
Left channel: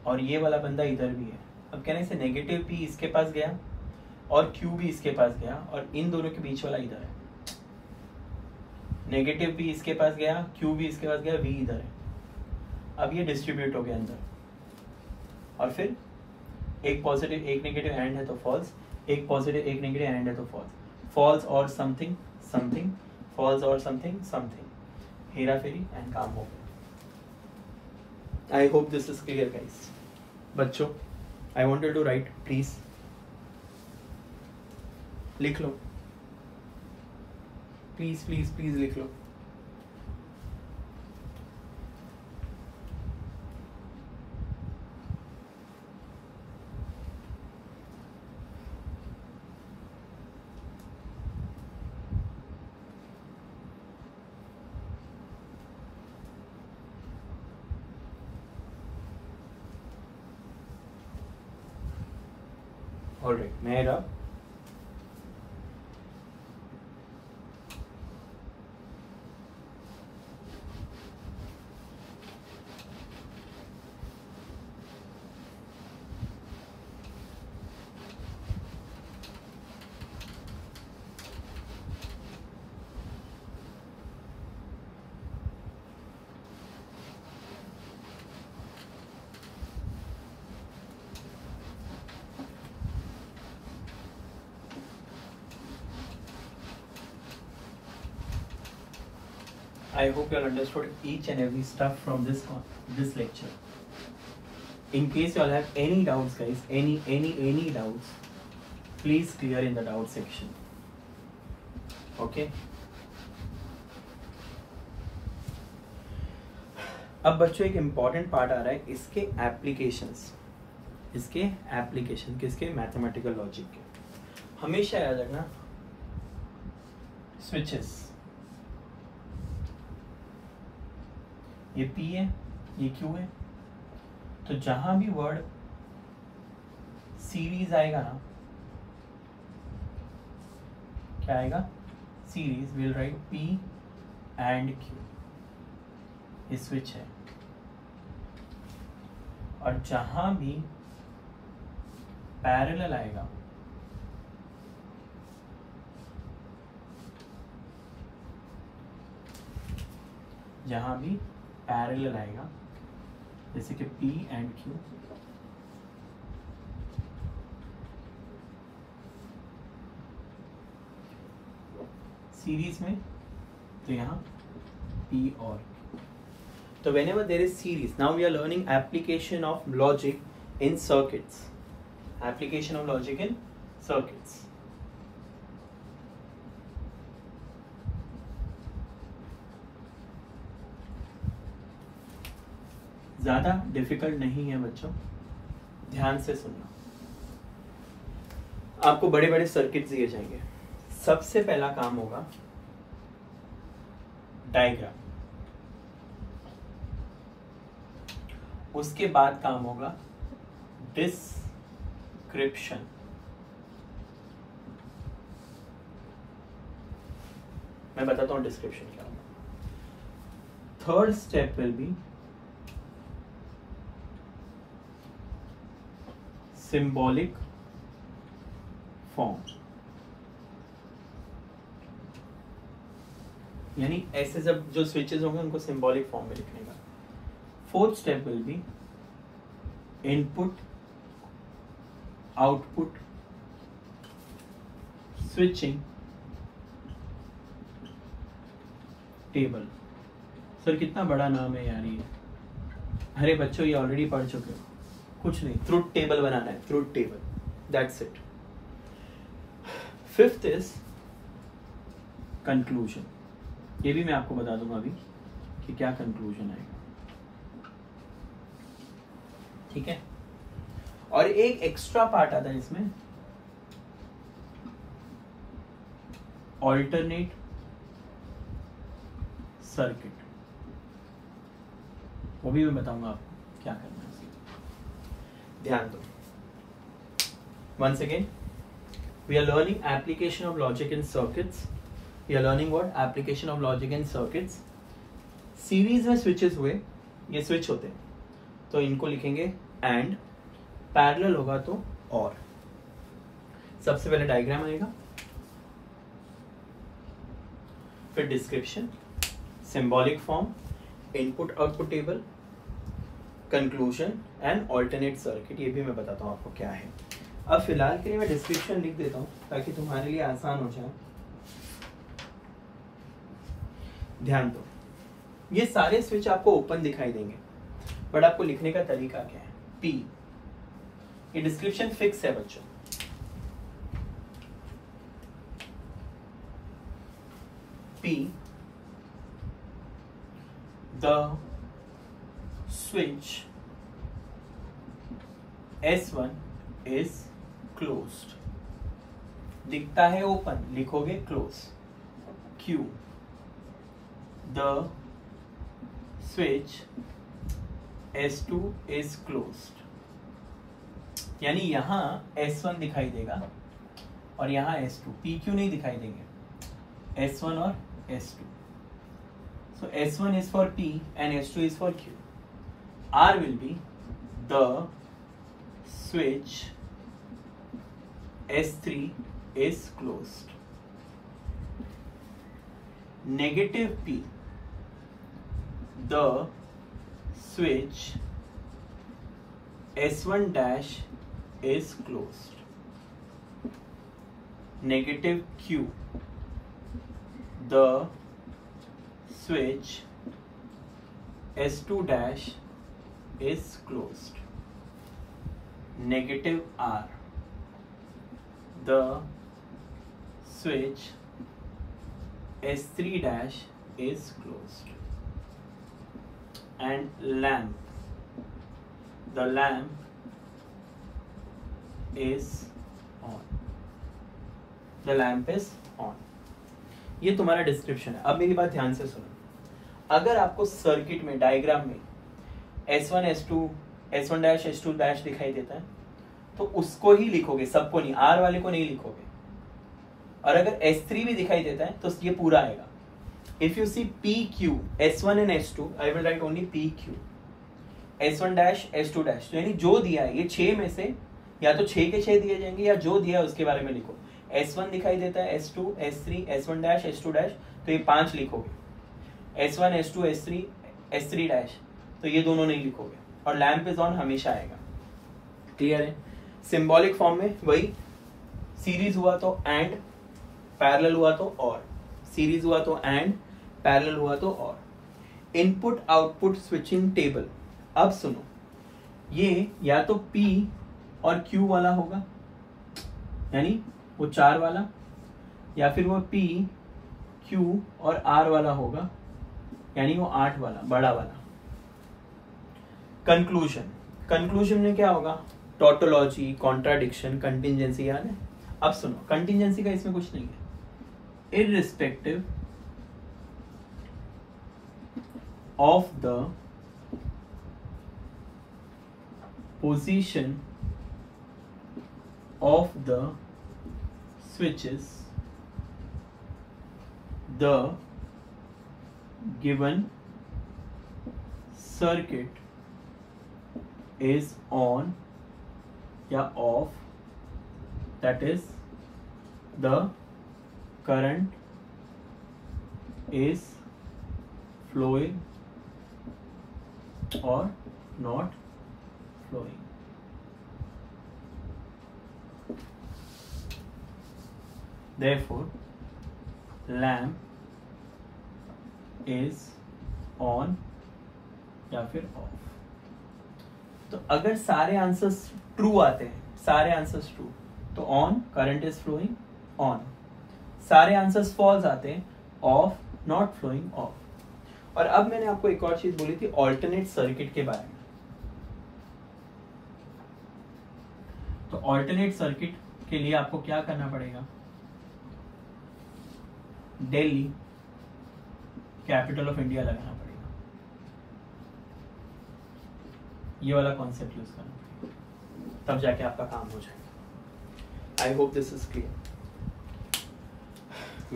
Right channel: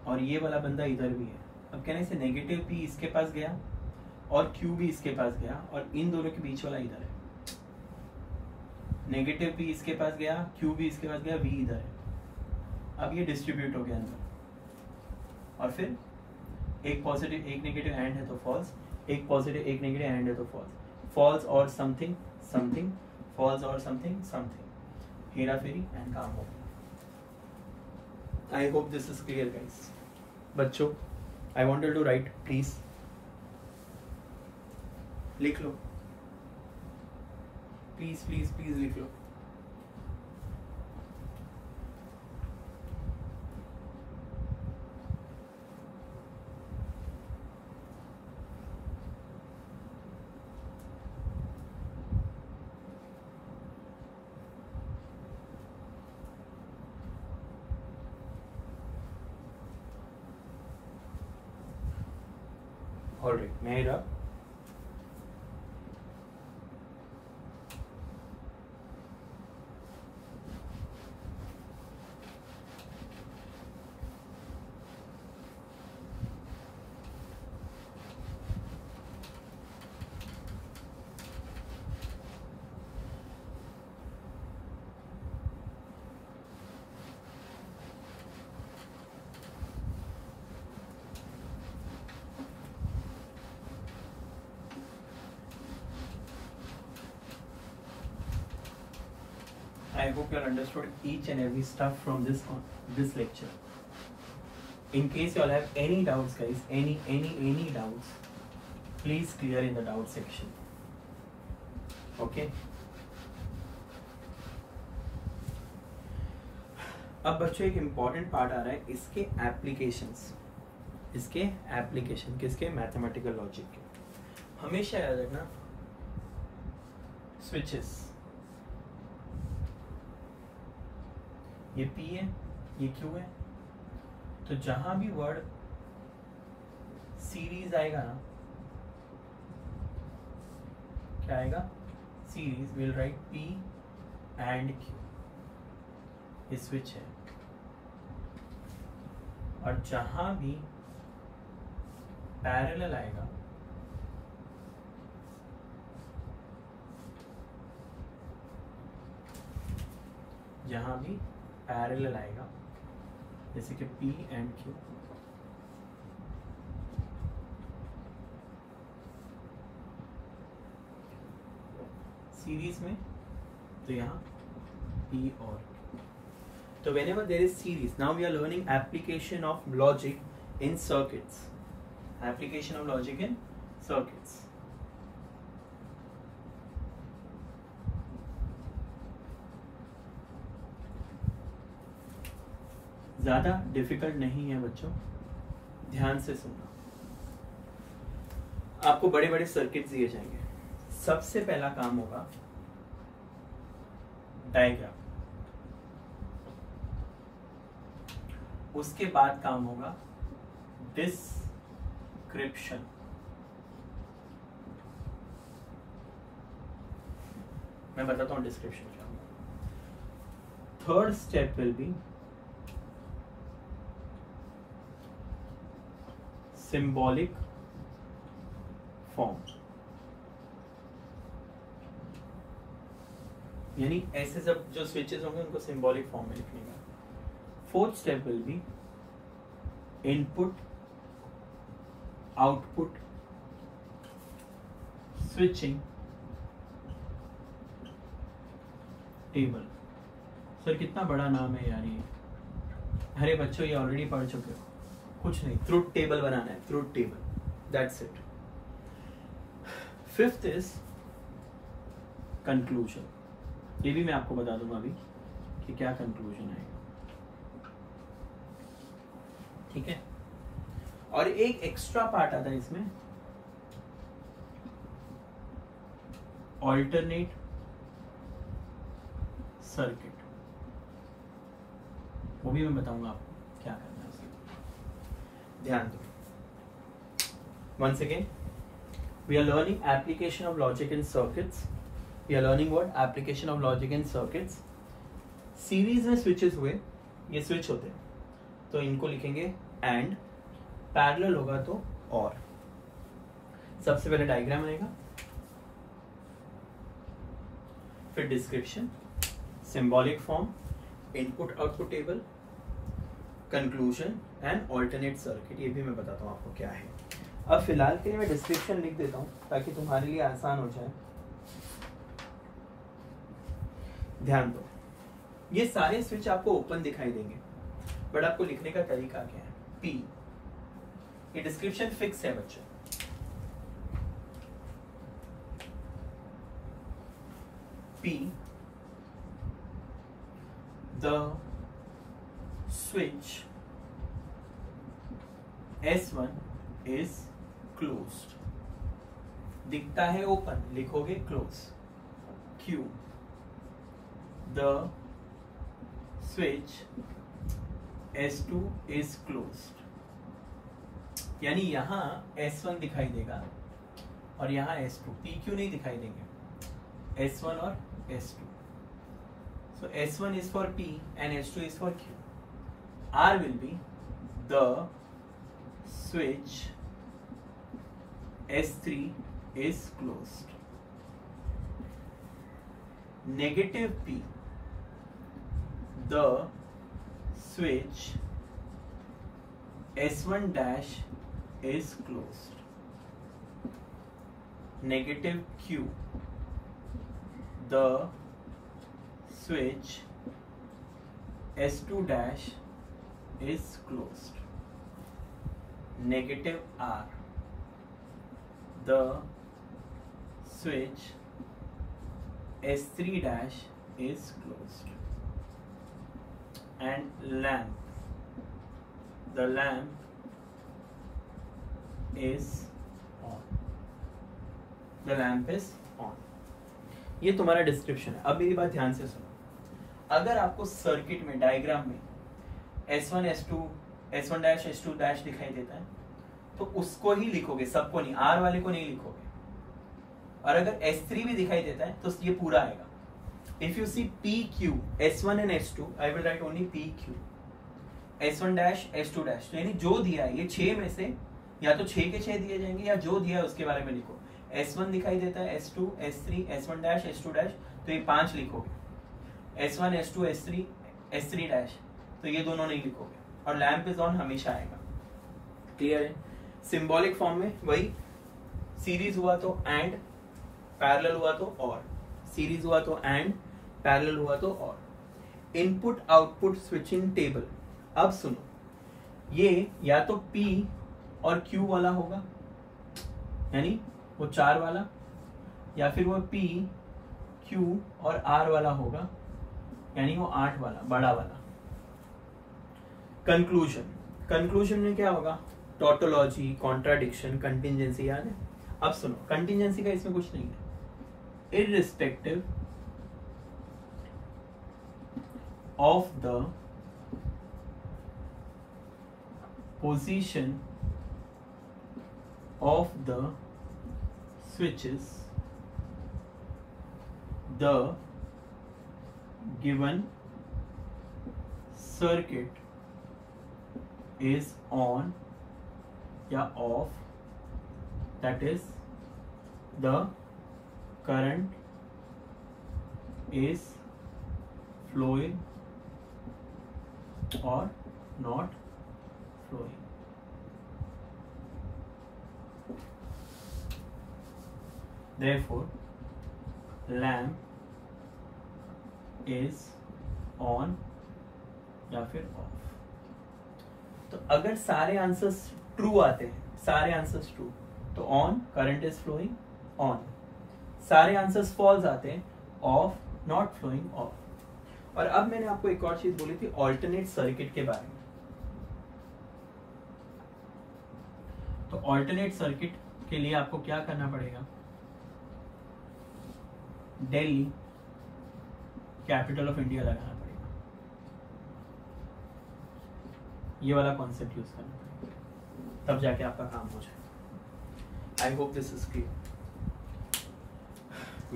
और ये वाला बंदा इधर भी है। अब कहने से नेगेटिव P इसके पास गया और Q भी इसके पास गया और इन दोनों के बीच वाला इधर है। नेगेटिव P इसके पास गया, Q भी इसके पास गया, V इधर है। अब ये डिस्ट्रीब्यूट हो गया अंदर, और फिर एक पॉजिटिव एक नेगेटिव एंड है तो फॉल्स, एक पॉजिटिव एक नेगेटिव एंड है तो फॉल्स। फॉल्स और समथिंग समथिंग, फॉल्स और समथिंग समथिंग, हेरा फेरी एंड काम हो गया। I hope this is clear guys. बच्चों, I wanted to write, please लिख लो, प्लीज प्लीज प्लीज लिख लो। All right, Mehra. I hope you all understood each and every stuff from this lecture. In case you all have any doubts, guys, any doubts, please clear in the doubt section. Okay. अब बच्चों एक important part आ रहा है, इसके applications, इसके application किसके? Mathematical logic के। हमेशा याद रखना, स्विचेस, ये P है, ये Q है, तो जहां भी वर्ड सीरीज आएगा ना, क्या आएगा, series will write P and Q, ये स्विच है, और जहां भी पैरेलल आएगा जैसे कि P एंड Q, सीरीज में, तो यहाँ P और तो whenever there is series, now we are learning application of logic in circuits. Application of logic in circuits. ज़्यादा डिफिकल्ट नहीं है बच्चों, ध्यान से सुनना। आपको बड़े बड़े सर्किट दिए जाएंगे। सबसे पहला काम होगा डायग्राम, उसके बाद काम होगा डिस्क्रिप्शन, मैं बताता हूं डिस्क्रिप्शन क्या होगा। Third step will be symbolic form, यानी ऐसे जब जो स्विचेस होंगे उनको सिंबॉलिक फॉर्म में लिखने का। Fourth step will be input output switching table. Sir कितना बड़ा नाम है यार ये। अरे बच्चों ये ऑलरेडी पढ़ चुके हो, कुछ नहीं, ट्रुथ टेबल बनाना है, truth table, that's it. Fifth is conclusion, ये भी मैं आपको बता दूंगा अभी कि क्या कंक्लूजन आएगा, ठीक है। और एक एक्स्ट्रा पार्ट आता है इसमें, ऑल्टरनेट सर्किट, वो भी मैं बताऊंगा आपको क्या करना है। ध्यान दो, once again we are learning application of logic in circuits. We are learning what? Application of logic in circuits. Series में स्विचेस हुए, ये स्विच होते हैं तो इनको लिखेंगे एंड, पैरेलल होगा तो और। सबसे पहले डायग्राम आएगा, फिर description, symbolic form, input output table, conclusion and alternate circuit. ये भी मैं बताता हूँ आपको क्या है। अब फिलहाल के लिए मैं डिस्क्रिप्शन लिख देता हूँ ताकि तुम्हारे लिए आसान हो जाए। ध्यान दो, ये सारे स्विच आपको ओपन दिखाई देंगे, बट आपको लिखने का तरीका क्या है। P, ये डिस्क्रिप्शन फिक्स है बच्चों, P, the switch S1 is closed, दिखता है ओपन, लिखोगे close. Q, the switch S2 is closed, यानी यहां S1 दिखाई देगा और यहां S2, PQ नहीं दिखाई देंगे, S1 और S2। So S1 is for P and S2 is for Q. R will be the switch S3 is closed. Negative P, the switch S1 dash is closed. Negative Q, the switch S2 dash is closed. Negative R, the switch S3 dash is closed. And lamp, the lamp is on. The lamp is on. ये तुम्हारा description है। अब मेरी बात ध्यान से सुनो, अगर आपको सर्किट में, डायग्राम में S1 S2 S1 dash S2 dash दिखाई देता है तो उसको ही लिखोगे, सबको नहीं, R वाले को नहीं लिखोगे। और अगर S3 भी दिखाई देता है तो ये पूरा आएगा. If you see PQ, S1 and S2, I will write only PQ. S1 dash, S2 dash. तो यानी जो दिया है ये 6 में से या तो 6 के 6 दिए जाएंगे या जो दिया है उसके बारे में लिखो. S1 दिखाई देता है, S2, S3, S1 dash, S2 dash, तो ये 5 लिखोगे. S1, S2, S3, S3 dash, तो ये दोनों नहीं लिखोगे. और लैम्प इज ऑन हमेशा आएगा. क्लियर है? सिंबॉलिक फॉर्म में वही, सीरीज हुआ तो एंड, पैरेलल हुआ तो और, सीरीज हुआ तो एंड, पैरेलल हुआ तो और. Input output switching table. अब सुनो, ये या तो P और Q वाला होगा, यानी वो 4 वाला, या फिर वो P, Q और R वाला होगा, यानी वो 8 वाला, बड़ा वाला. कंक्लूजन. कंक्लूजन में क्या होगा? Tautology, contradiction, contingency. यानी अब सुनो, कंटिजेंसी का इसमें कुछ नहीं है. irrespective of the position of the switches, the given circuit is on या off, that is the current is flowing or not flowing. Therefore, lamp is on या फिर off. तो अगर सारे आंसर्स ट्रू आते हैं, सारे आंसर्स ट्रू, तो on, current is flowing, on. सारे आंसर्स फॉल्स आते हैं, ऑफ, नॉट फ्लोइंग, ऑफ. और अब मैंने आपको एक और चीज बोली थी ऑल्टरनेट सर्किट के बारे में. तो ऑल्टरनेट सर्किट के लिए आपको क्या करना पड़ेगा? दिल्ली कैपिटल ऑफ इंडिया लगाना पड़ेगा. ये वाला कॉन्सेप्ट यूज करना पड़ेगा, तब जाके आपका काम हो जाएगा. आई hope this is clear.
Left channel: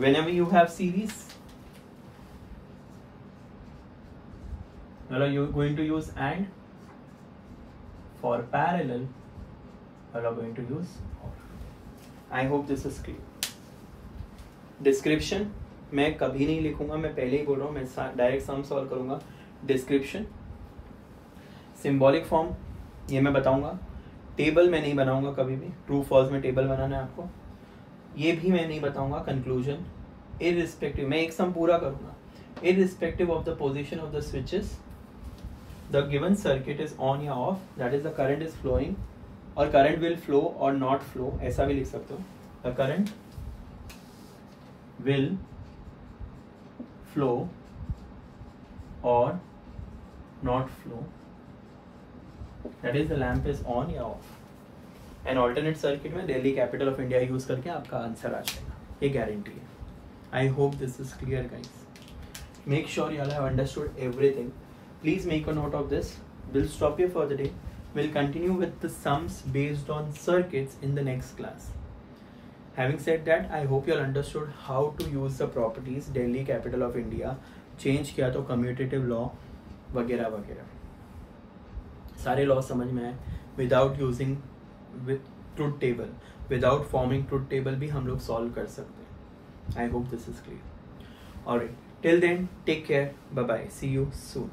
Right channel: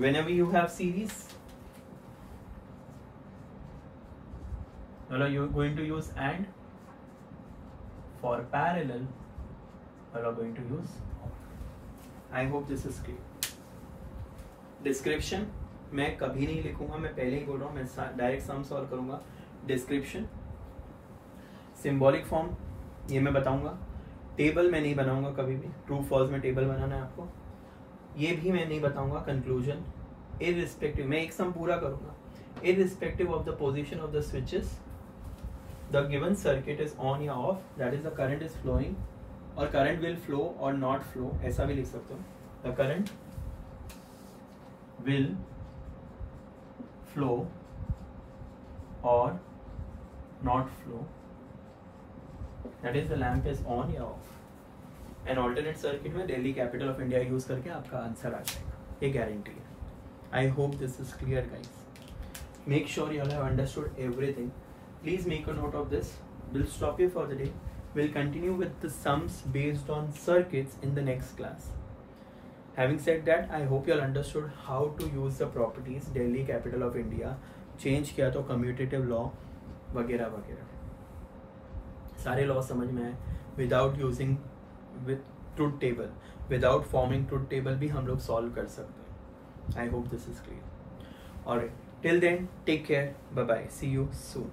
Whenever you have series, well, you're going to use AND. For parallel, well, you're going to use OR. I hope this is clear. Description मैं कभी नहीं लिखूंगा, मैं पहले ही बोल रहा हूँ, मैं डायरेक्ट सम सॉल्व करूंगा. डिस्क्रिप्शन, सिंबॉलिक फॉर्म ये मैं बताऊंगा. टेबल मैं नहीं बनाऊंगा कभी भी, ट्रू फॉल्स में टेबल बनाना है आपको, ये भी मैं नहीं बताऊंगा. कंक्लूजन, इररिस्पेक्टिव, मैं एक सम पूरा करूंगा. Irrespective of the position of the switches, the given circuit is on या off, that is the current is flowing, और करंट विल फ्लो और नॉट फ्लो, ऐसा भी लिख सकते हो. द करंट विल फ्लो और not flow, that is the lamp is on या ऑफ. एंड ऑल्टरनेट सर्किट में Delhi capital of India use करके आपका आंसर आ जाएगा, ये गारंटी है. I hope this is clear guys. Make sure you all have understood everything. Please make a note of this. Will stop here for the day. Will continue with the sums based on circuits in the next class. Having said that, I hope you all understood how to use the properties. Delhi capital of India change किया तो commutative law वगैरह वगैरह सारे law समझ में आए. Without using with truth table, without forming truth table भी हम लोग सॉल्व कर सकते हैं. I hope this is clear. Alright, till then take care, bye bye, see you soon.